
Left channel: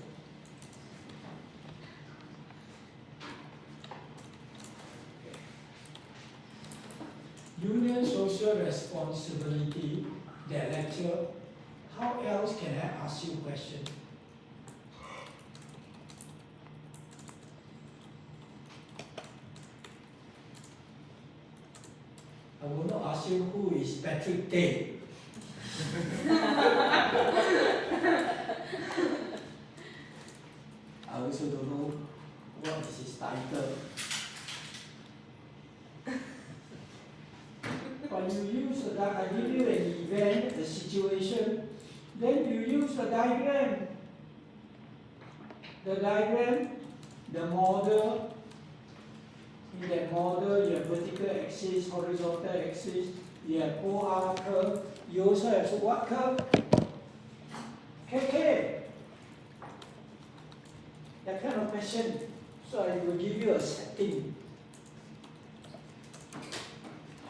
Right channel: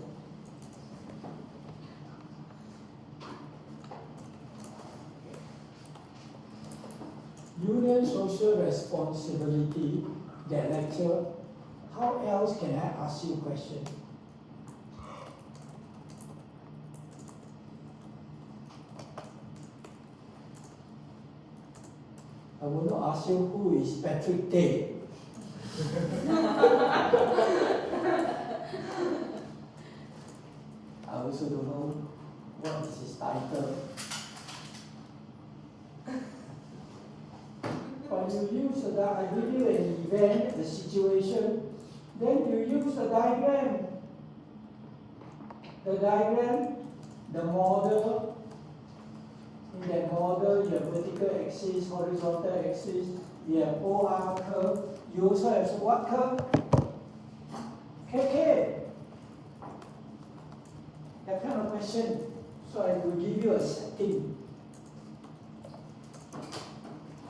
Union social responsibility, that lecture, how else can I ask you a question? I will not ask you who is Patrick Tay. I also don't know what is his title. When you use I give you an event, a situation, then you use the diagram. The diagram, the model. In that model, you have vertical axis, horizontal axis, you have OR curve. You also have what curve? KK. That kind of question. So I will give you a setting.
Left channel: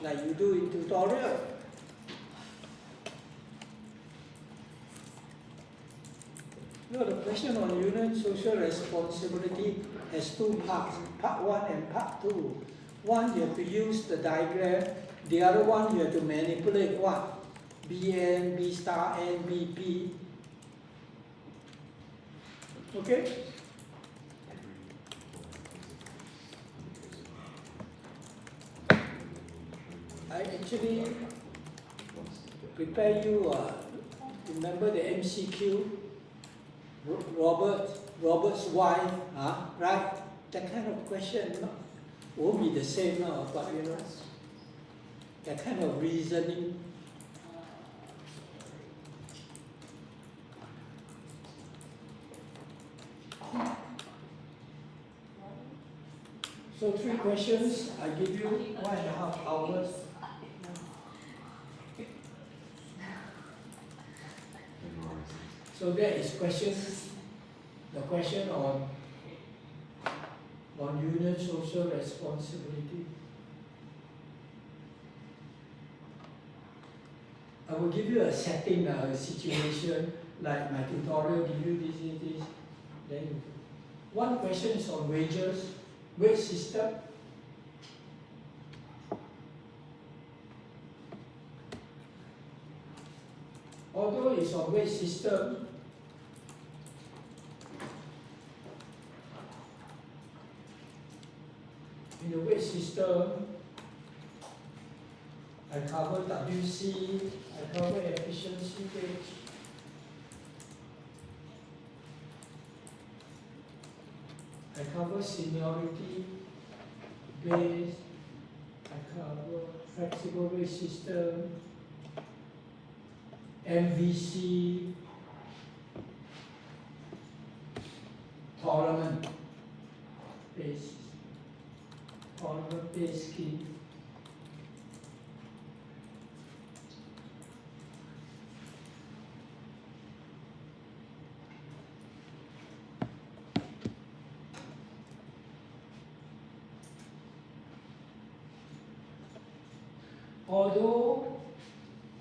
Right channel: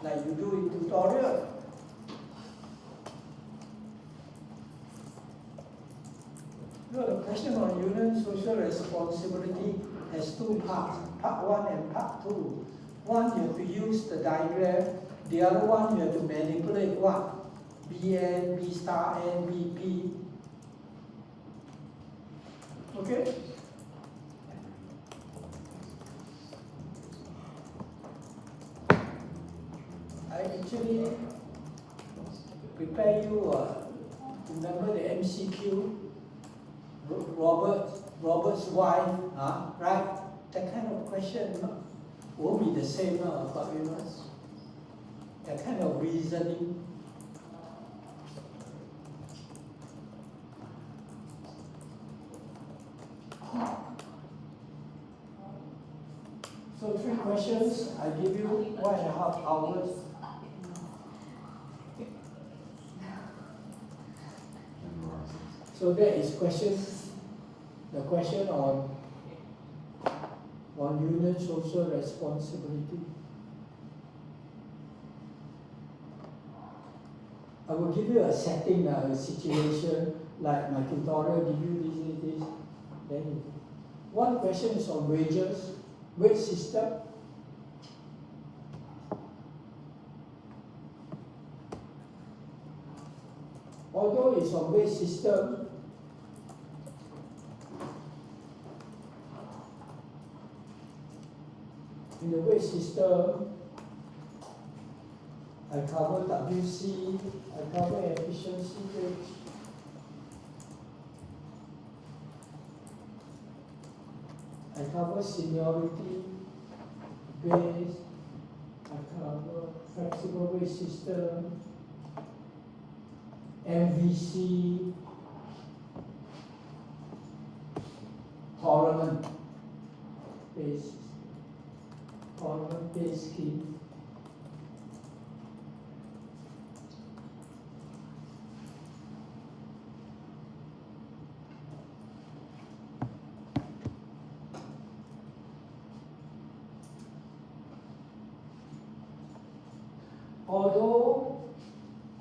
Like you do in tutorial. No, the question on union social responsibility has 2 parts, part 1 and part 2. One, you have to use the diagram. The other one, you have to manipulate what? Bn, B star, N, B, P. Okay? I actually prepare you, remember the MCQ? Robert's wife, right? That kind of question won't be the same, but you know, that kind of reasoning. So 3 questions, I give you 1.5 hours. So that is questions, the question on union social responsibility. I will give you a setting, a situation, like my tutorial, give you this. Then 1 question is on wages, wage system. Although it's on wage system, in the wage system, I cover WC, I cover efficiency wage, I cover seniority base, I cover flexible wage system, MVC, tolerant base scheme.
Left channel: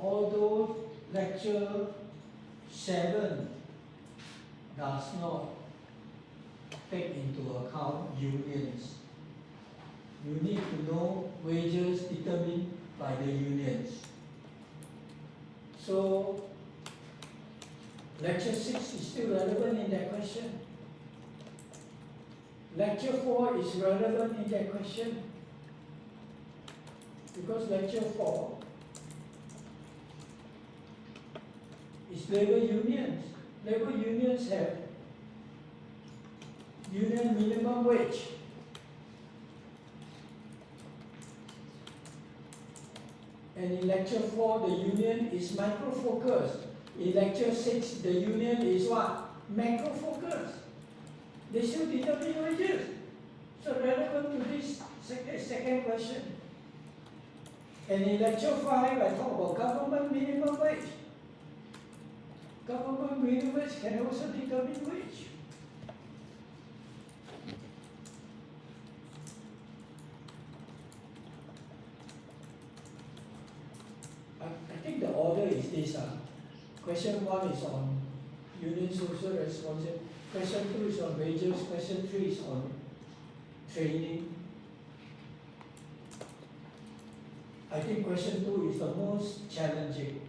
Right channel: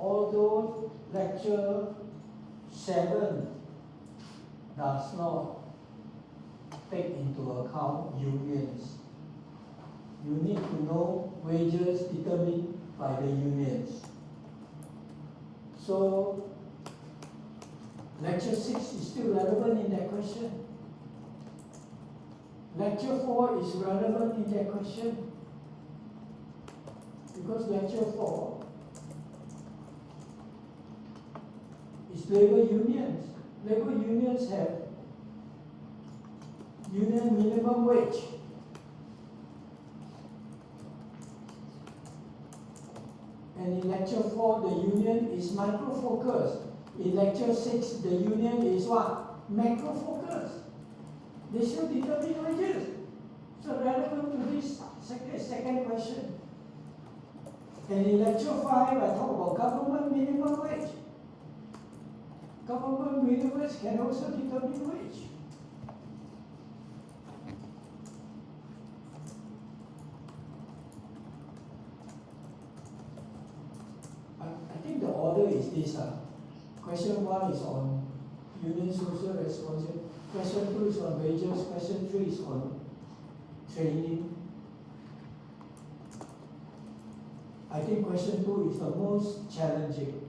Although lecture 7 does not take into account unions, you need to know wages determined by the unions. So lecture 6 is still relevant in that question. Lecture 4 is relevant in that question. Because lecture 4 is labor unions. Labor unions have union minimum wage. And in lecture 4, the union is micro-focused. In lecture 6, the union is what? Macro-focused. They should determine wages. So relevant to this second question. And in lecture 5, I talk about government minimum wage. Government minimum wage can also determine wage. I think the order is this. Question 1 is on union social responsibility. Question 2 is on wages. Question 3 is on training. I think question 2 is the most challenging.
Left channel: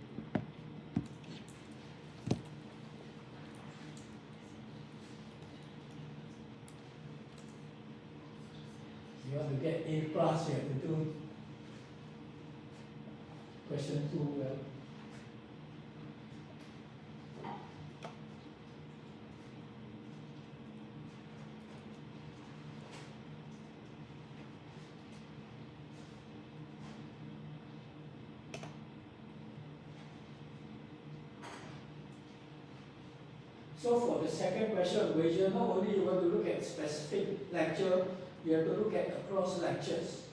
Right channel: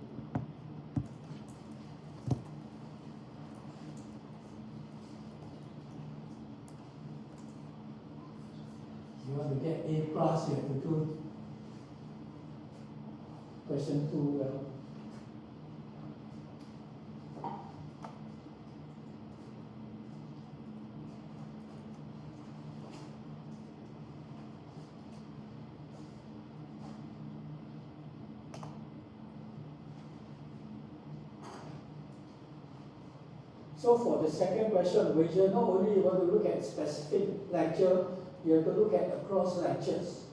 You want to get A plus, you have to do question 2 well. So for the second question, wages, not only you want to look at specific lecture, you have to look at across lectures.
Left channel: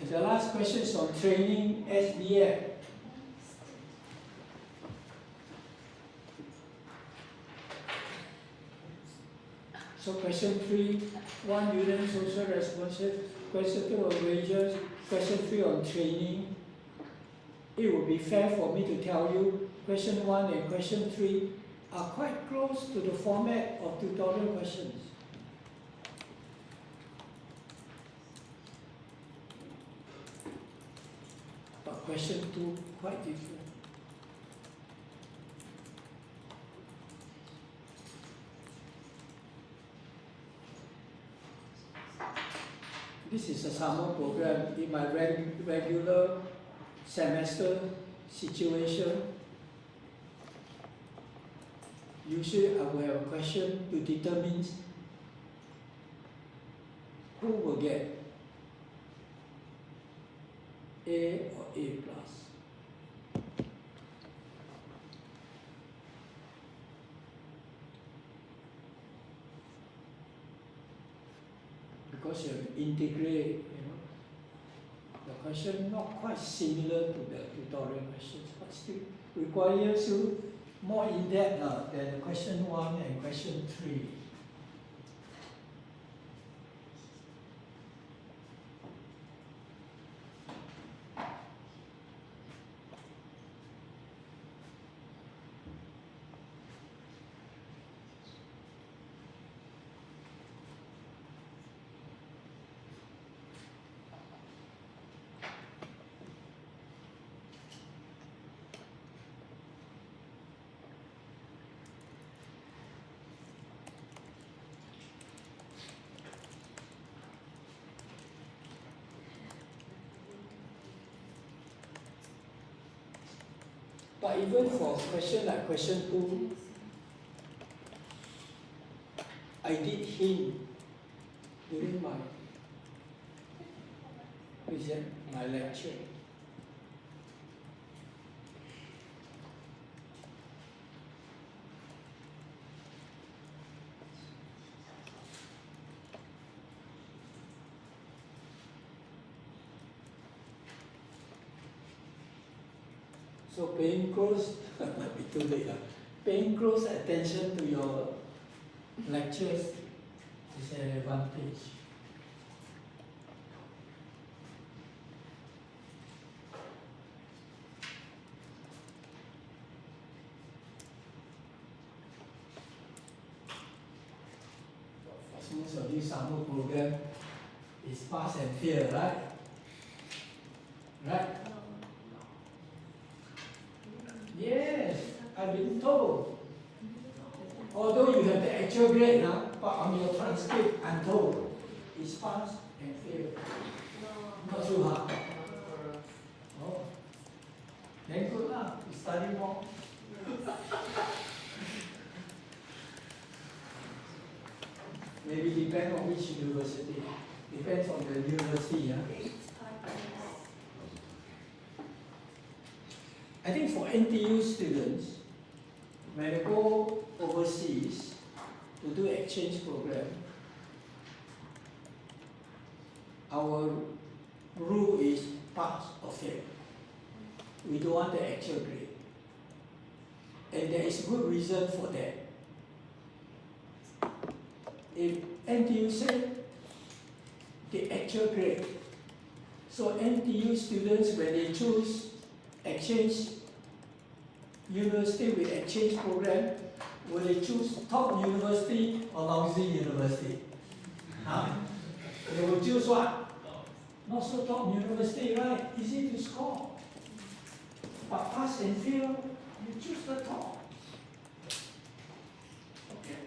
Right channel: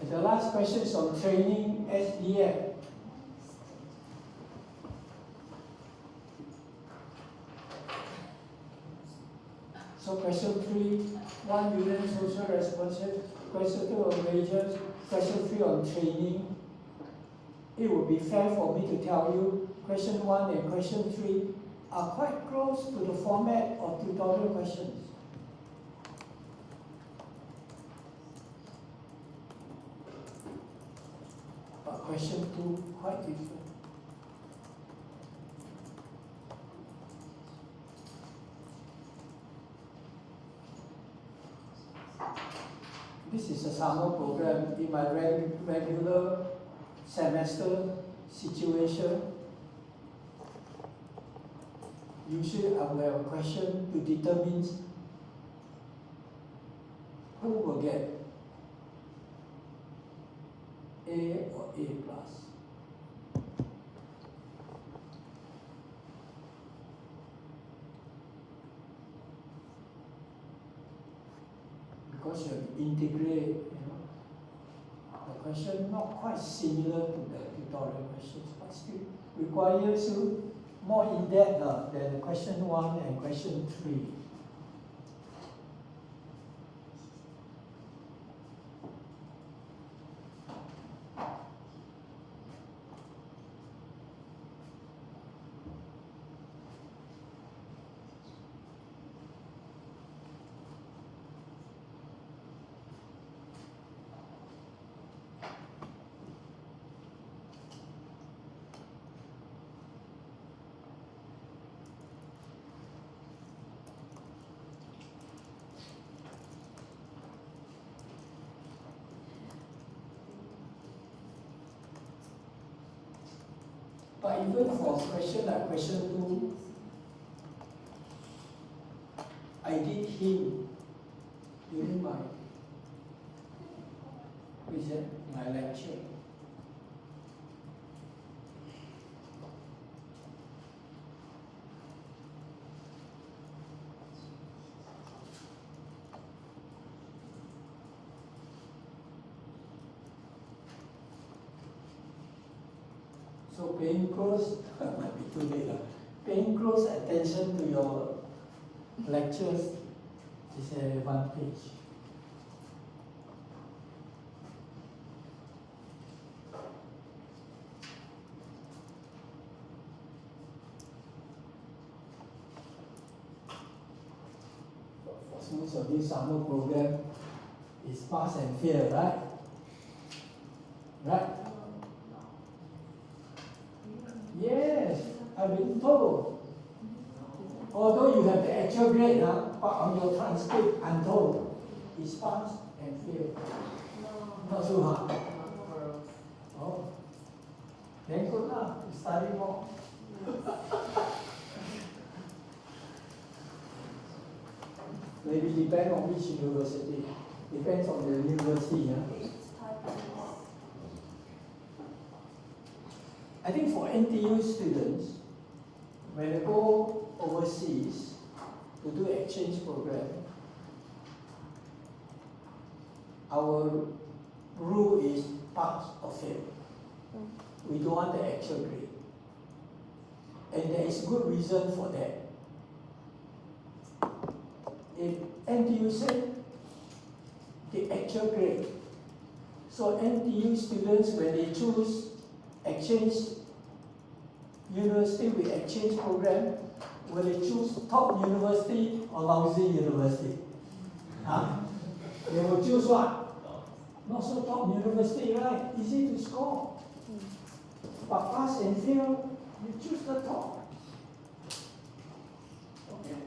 And the last question is on training SDF. So question 3, 1 union social responsibility, question 2 on wages, question 3 on training. It would be fair for me to tell you question 1 and question 3 are quite close to the format of tutorial questions. But question 2 quite different. This is a summer program in my regular semester situation. Usually I will have a question to determine who will get A or A plus. Because you have to integrate, the question not quite similar to the tutorial questions, but still requires you more in-depth than the question 1 and question 3. But even for question like question 2, I did hint during my lecture. So paying close, might be too late, paying close attention to your lectures is an advantage. For most of this summer program, it's pass and fail, right? Right? Yes, I've been told. Although you have the actual grade now, but on your transcript, I'm told it's pass and fail. Not too hard. Oh, then good lah. You study more. Maybe depend on which university. Depends on the university. Yeah? I think for NTU students, when they go overseas to do exchange program, our rule is pass or fail. We don't want the actual grade. And there is good reason for that. If NTU say the actual grade, so NTU students, when they choose exchange university with exchange program, will they choose top university or lousy university? Huh? They will choose what? Not so top university, right? Easy to score. But pass and fail, you choose the top. Okay.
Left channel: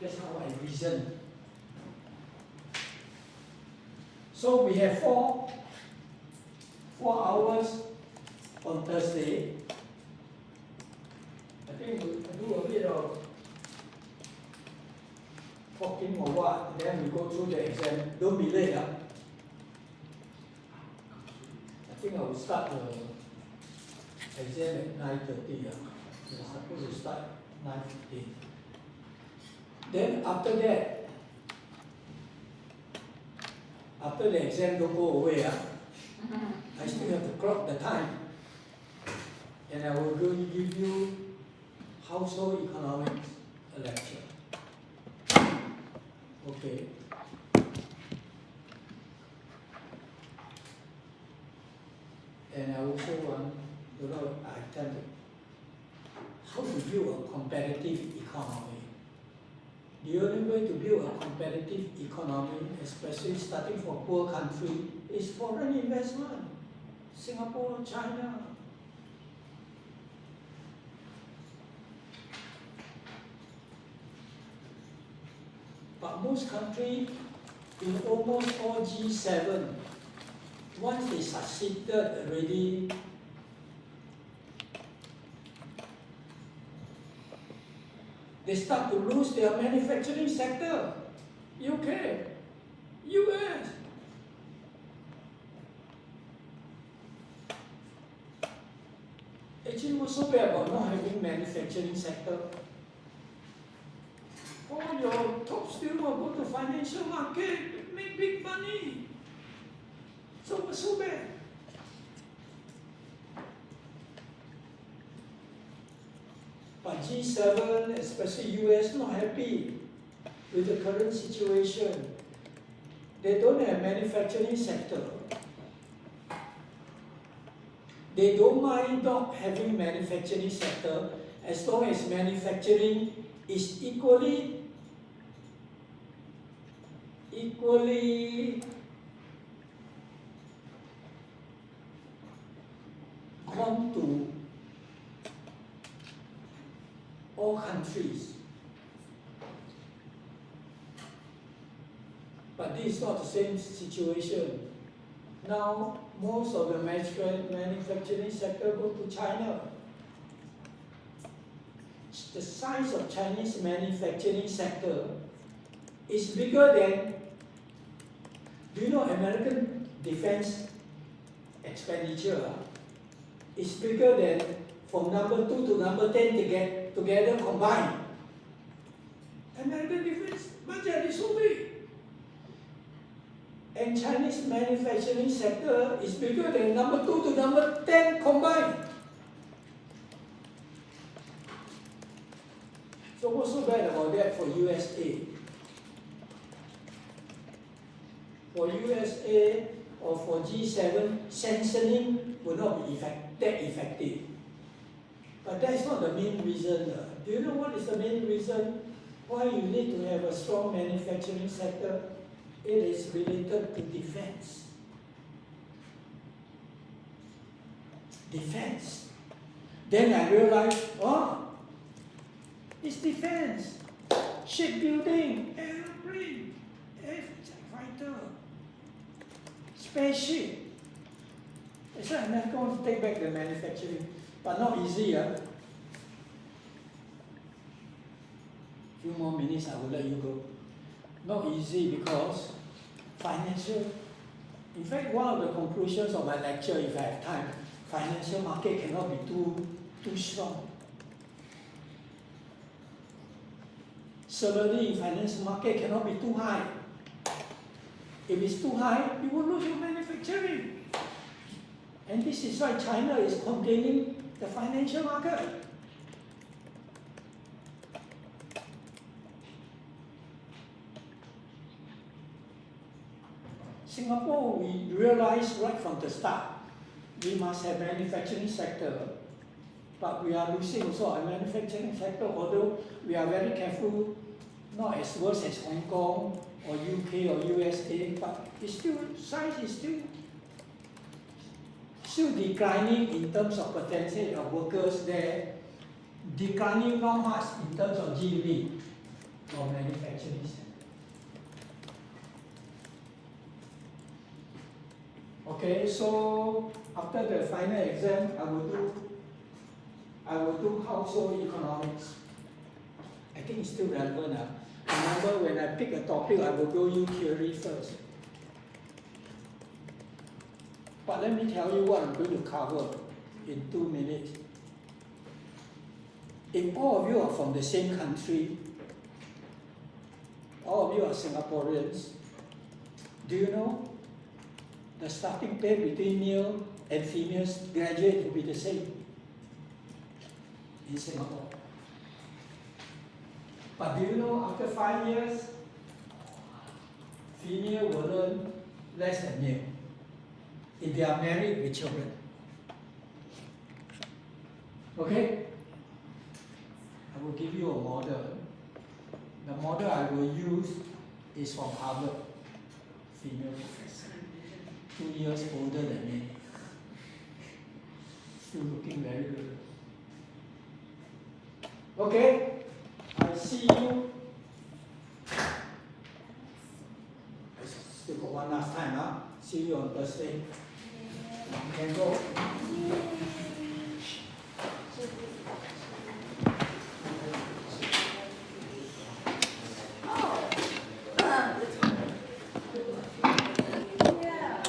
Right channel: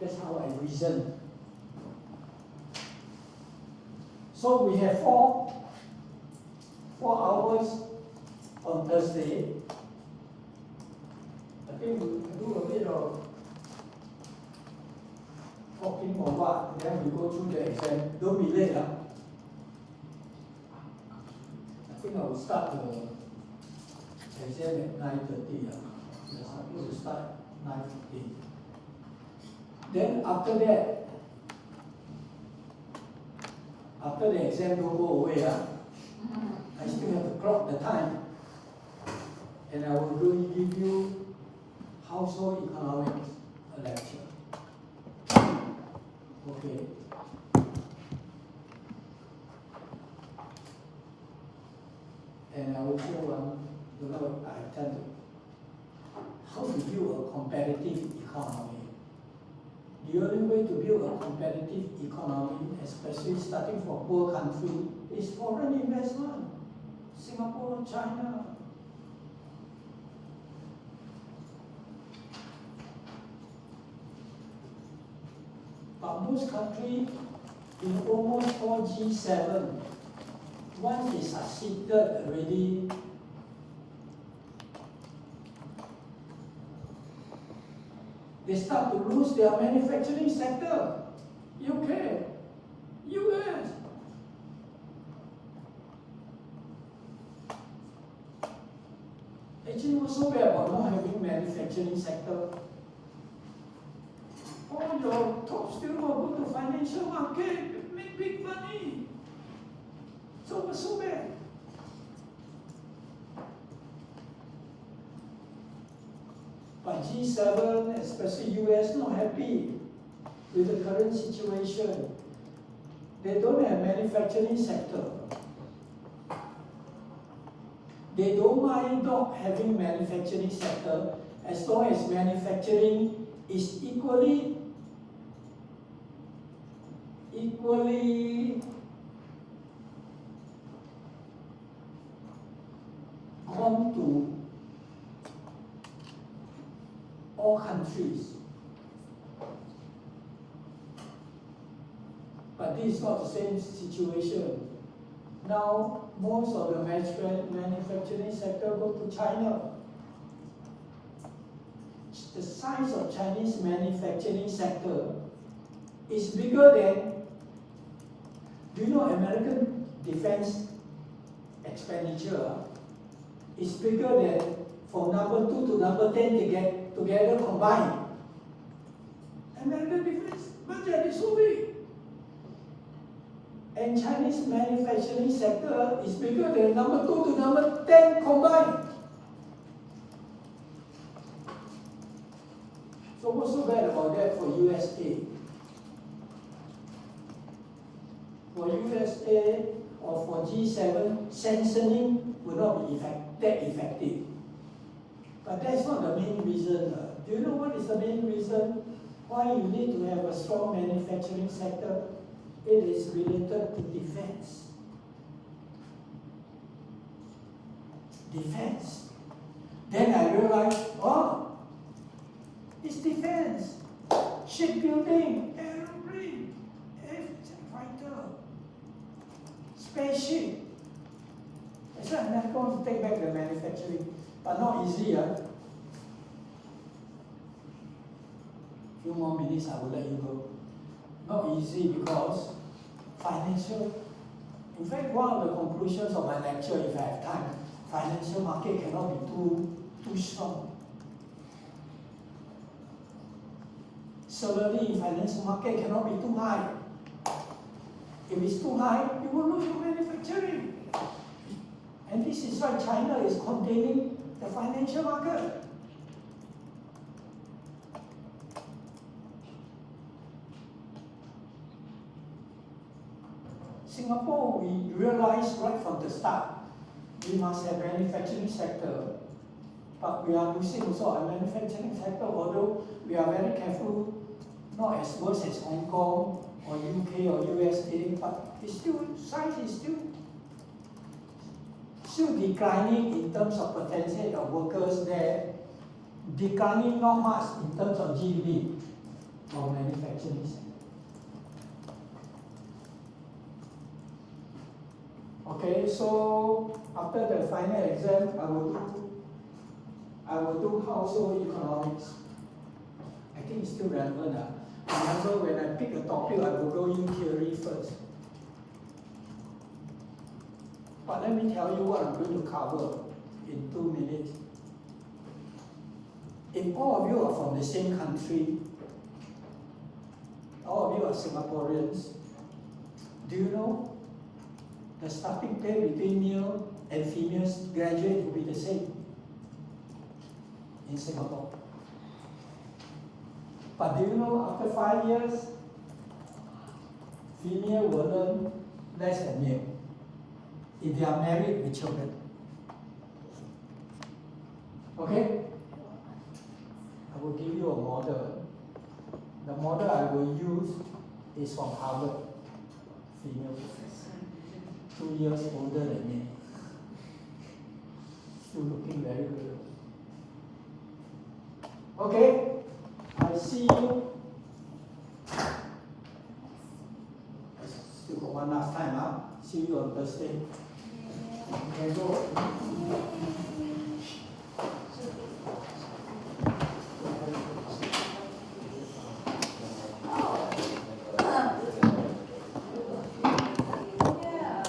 That's how I reason. So we have four hours on Thursday. I think we do a bit of talking or what, then we go through the exam. Don't be late. Huh? I think I will start the exam at 9:30. We're supposed to start 9:15. Then after that, after the exam don't go away, I still have to clock the time. And I will really give you household economics lecture. Okay. And I also want to know, I tell you, how to build a competitive economy. The only way to build a competitive economy, especially starting from poor country, is foreign investment. Singapore, China. But most countries in almost all G7, once they succeeded already, they start to lose their manufacturing sector. UK, US. Actually, what's so bad about not having manufacturing sector? All your top students will go to financial market, make big money. So what's so bad? But G7, especially US, not happy with the current situation. They don't have manufacturing sector. They don't mind not having manufacturing sector as long as manufacturing is equally come to all countries. But this is not the same situation. Now, most of the manufacturing sector go to China. The size of Chinese manufacturing sector is bigger than, do you know, American defense expenditure is bigger than from number 2 to number 10 together combined. American defense budget is so big. And Chinese manufacturing sector is bigger than number 2 to number 10 combined. So what's so bad about that for USA? For USA or for G7, sanctioning will not be that effective. But that's not the main reason. Do you know what is the main reason why you need to have a strong manufacturing sector? It is related to defense. Defense. Then I realized, oh, it's defense. Shipbuilding, aeroplane, fighter, spaceship. That's why I'm not going to take back the manufacturing, but not easy. Few more minutes, I will let you go. Not easy because financial. In fact, one of the conclusions of my lecture, if I have time, financial market cannot be too strong. Salary in financial market cannot be too high. If it's too high, you will lose your manufacturing. And this is why China is complaining the financial market. Singapore, we realized right from the start, we must have manufacturing sector, but we are losing also our manufacturing sector, although we are very careful, not as worse as Hong Kong or UK or USA, but it's still, size is still declining in terms of potential of workers there, declining not much in terms of GDP of manufacturing sector. Okay, so after the final exam, I will do household economics. I think it's still relevant. Remember, when I pick a topic, I will go in theory first. But let me tell you what I'm going to cover in 2 minutes. If all of you are from the same country, all of you are Singaporeans, do you know the starting pay between male and female graduate will be the same in Singapore? But do you know after 5 years, female will earn less than male if they are married with children? Okay? I will give you a model. The model I will use is from Harvard, female professor, 2 years older than me. Still looking very good. Okay? I see you. I still got one last time, huh? See you on Thursday. You can go.